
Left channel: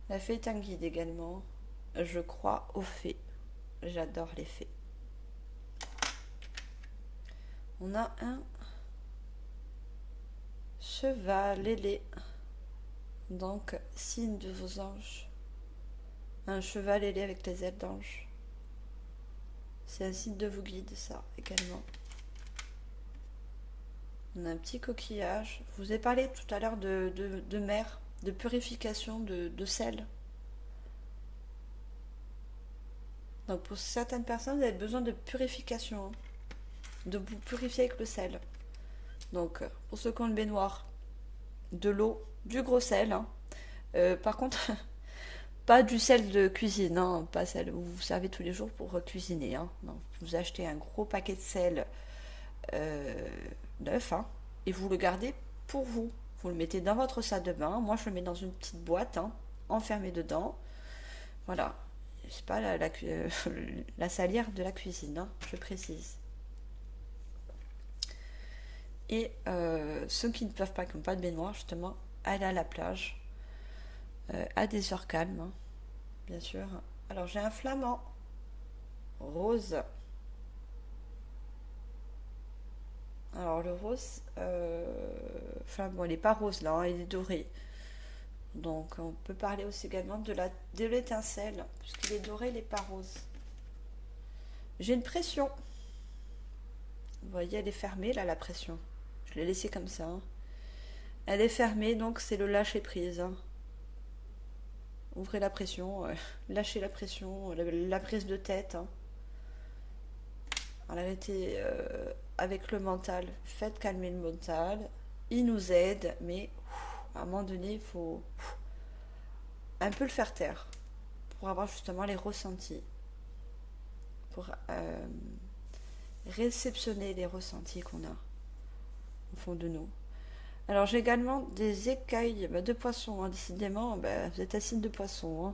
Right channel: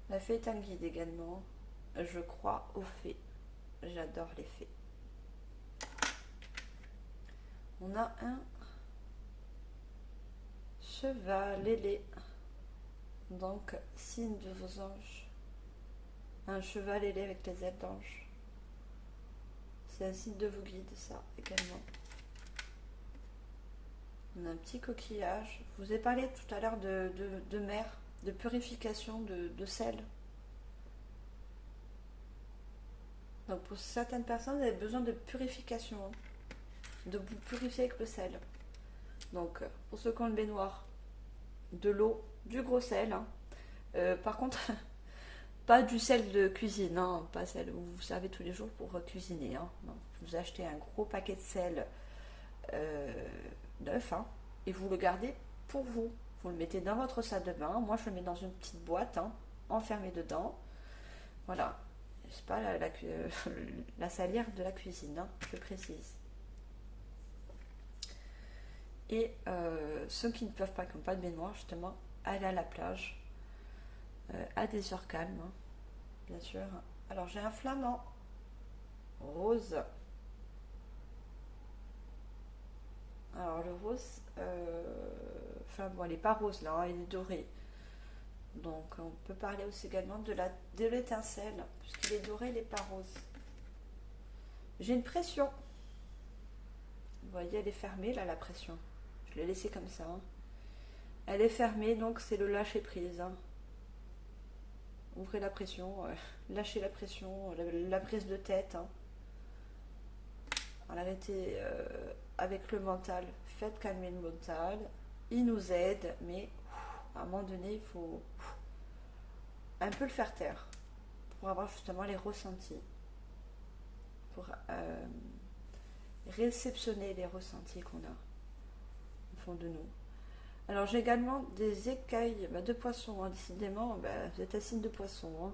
La fée est un guide également. Je crois aux fées. J'adore les fées. On a un cheval ailé. Donc, signe de vos anges. Un cheval ailé avec les ailes d'ange. C'est un signe de vos guides, ça, également. On a un petit coquillage. Je vous ai parlé tout à l'heure de mer, de purification de sel. Donc pour certaines personnes, vous avez besoin de purification, de vous purifier avec le sel. Donc pour ceux qui ont le baignoire, de l'eau, du gros sel, hein. Par contre, pas du sel de cuisine, hein, pas celle où vous servez tous les jours pour cuisiner, hein. Non, vous achetez un gros paquet de sel neuf, hein, et vous le gardez pour vous. Vous le mettez dans votre salle de bain. Moi, je le mets dans une petite boîte, hein, enfermée dedans. Voilà. C'est pas la salière de la cuisine, hein, je précise. Et ceux qui ne peuvent pas, qui n'ont pas de baignoire, justement, aller à la plage à des heures calmes, hein, bien sûr. Alors j'ai un flamand rose. Alors le rose, enfin bon, il n'est pas rose là, hein, il est doré. Donc on peut parler aussi également de l'étincelle, puisqu'il est doré, il n'est pas rose. J'ai une pression. Vous voyez, elle est fermée là, la pression. Je l'ai laissée comme ça, hein. Elle est fermée, donc c'est le lâcher prise, hein. Ouvrez la pression, lâchez la pression, la prise de tête, hein. Arrêtez avec le mental, faites calmer le mental. Il nous aide, mais à un moment donné, il faut un peu le faire taire pour avoir justement les ressentis, pour réceptionner les ressentis qu'on a au fond de nous. Alors j'ai également des écailles de poisson, hein. Décidément, vous êtes un signe de poisson, hein.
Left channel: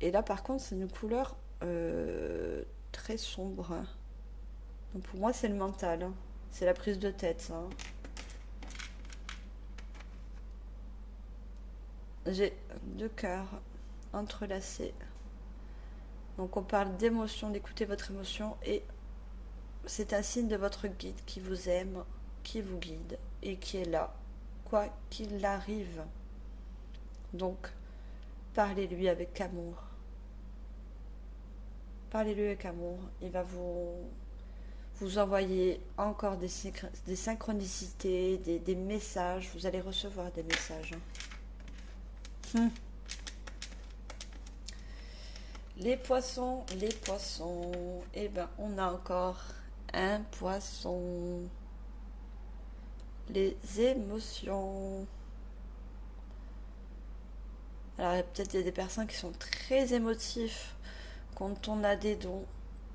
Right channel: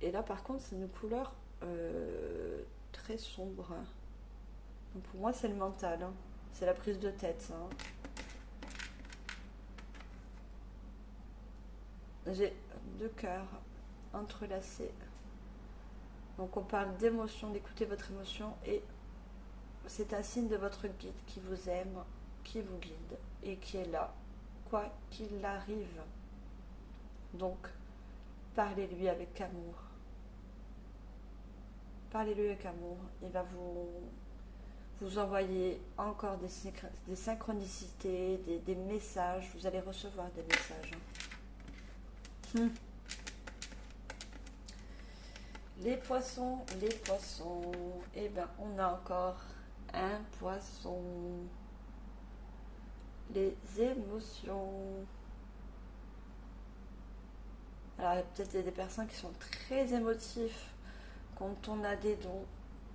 Et là par contre c'est une couleur très sombre. Donc pour moi c'est le mental, hein. C'est la prise de tête, ça, hein. J'ai deux cœurs entrelacés. Donc on parle d'émotion, d'écouter votre émotion, et c'est un signe de votre guide qui vous aime, qui vous guide et qui est là, quoi qu'il arrive. Donc parlez-lui avec amour. Parlez-lui avec amour. Il va vous envoyer encore des synchronicités, des messages. Vous allez recevoir des messages, hein. Les poissons, les poissons. Eh ben, on a encore un poisson. Les émotions. Alors, peut-être il y a des personnes qui sont très émotifs. Quand on a des dons,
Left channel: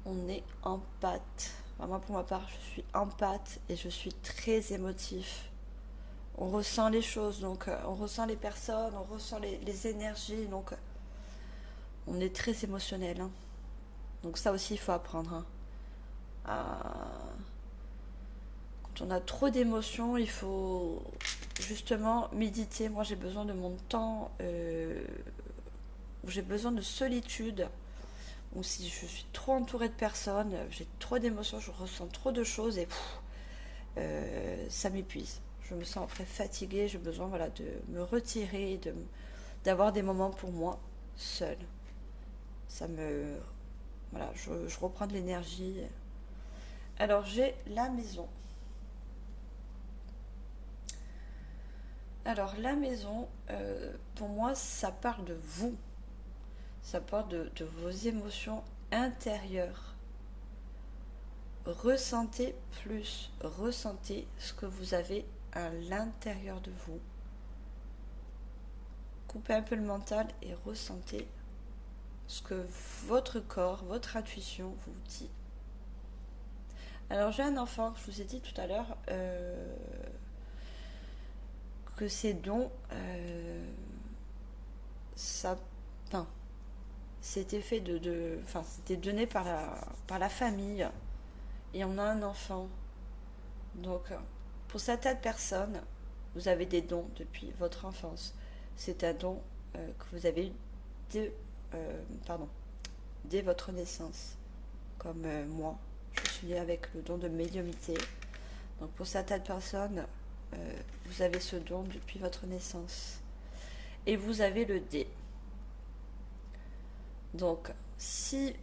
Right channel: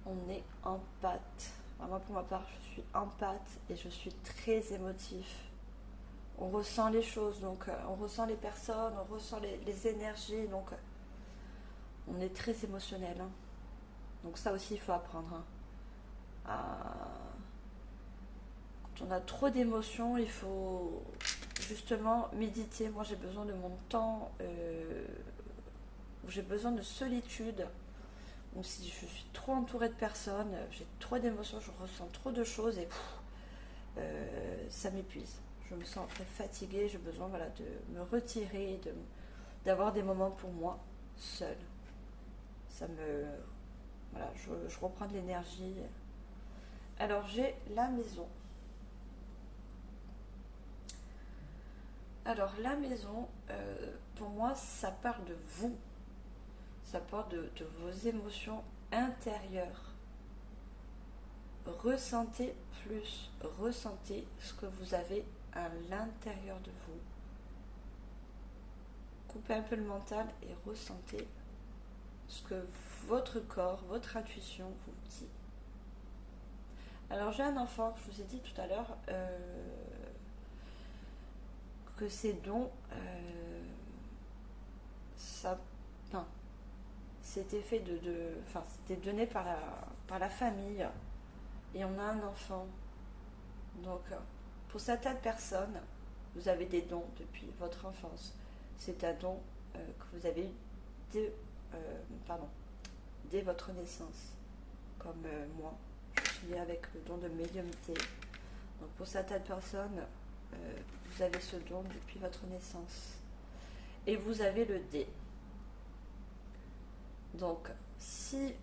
on est en pâte. Moi, pour ma part, je suis en pâte et je suis très émotif. On ressent les choses, donc on ressent les personnes, on ressent les énergies, donc on est très émotionnel, hein. Donc ça aussi, il faut apprendre, hein. Quand on a trop d'émotions, il faut justement méditer. Moi, j'ai besoin de mon temps, où j'ai besoin de solitude. Ou si je suis trop entourée de personnes, j'ai trop d'émotions, je ressens trop de choses et ça m'épuise. Je me sens après fatiguée, j'ai besoin, voilà, de me retirer, d'avoir des moments pour moi, seule. Ça me... Voilà, je reprends de l'énergie. Alors j'ai la maison. Alors la maison, pour moi, ça parle de vous. Ça parle de vos émotions intérieures. ressentez plus, ressentez ce que vous avez à l'intérieur de vous. Coupez un peu le mental et ressentez ce que votre corps, votre intuition vous dit. Alors j'ai un enfant, je vous ai dit tout à l'heure que ces dons, ça, enfin, c'était fait enfin, c'était donné par la famille et on a un enfant. Donc pour certaines personnes, vous avez des dons depuis votre enfance. C'est un don que vous avez eu dès, dès votre naissance, comme moi. Je suis née avec le don de médiumnité. Donc pour certaines personnes, vous avez ce don depuis votre naissance. Et vous avez le dé. Donc si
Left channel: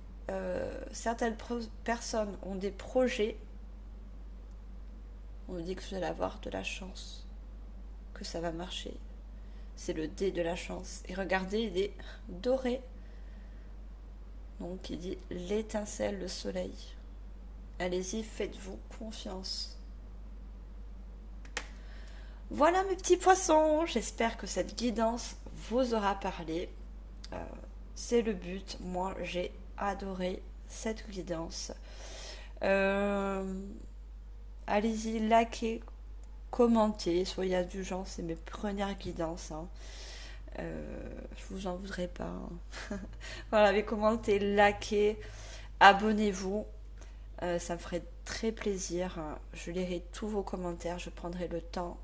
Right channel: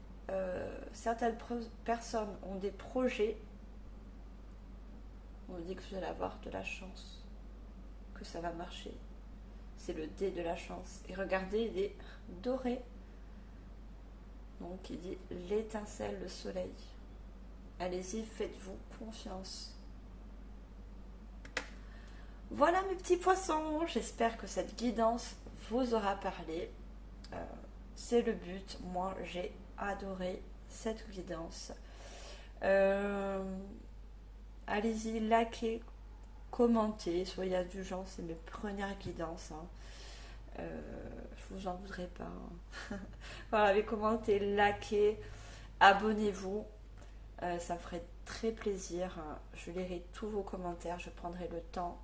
certaines personnes ont des projets, on dit que vous allez avoir de la chance, que ça va marcher. C'est le dé de la chance. Et regardez, il est doré. Donc il dit l'étincelle, le soleil. Allez-y, faites-vous confiance. Voilà mes petits poissons, j'espère que cette guidance vous aura parlé. C'est le but, moi j'ai adoré cette guidance. Allez-y, likez, commentez, soyez indulgents, c'est mes premières guidances. Hein. Je vous en voudrais pas. Hein. Voilà, mais commentez, likez, abonnez-vous. Ça me ferait très plaisir. Je lirai tous vos commentaires, je prendrai le temps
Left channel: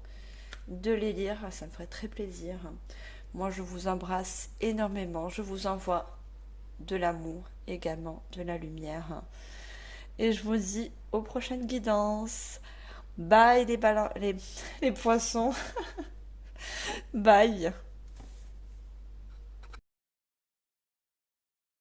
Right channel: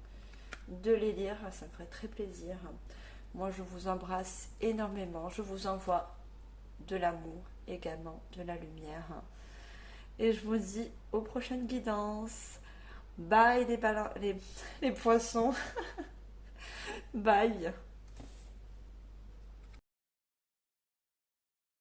de les lire, ça me ferait très plaisir. Moi, je vous embrasse énormément. Je vous envoie de l'amour, également de la lumière. Et je vous dis aux prochaines guidances. Bye les poissons. Bye.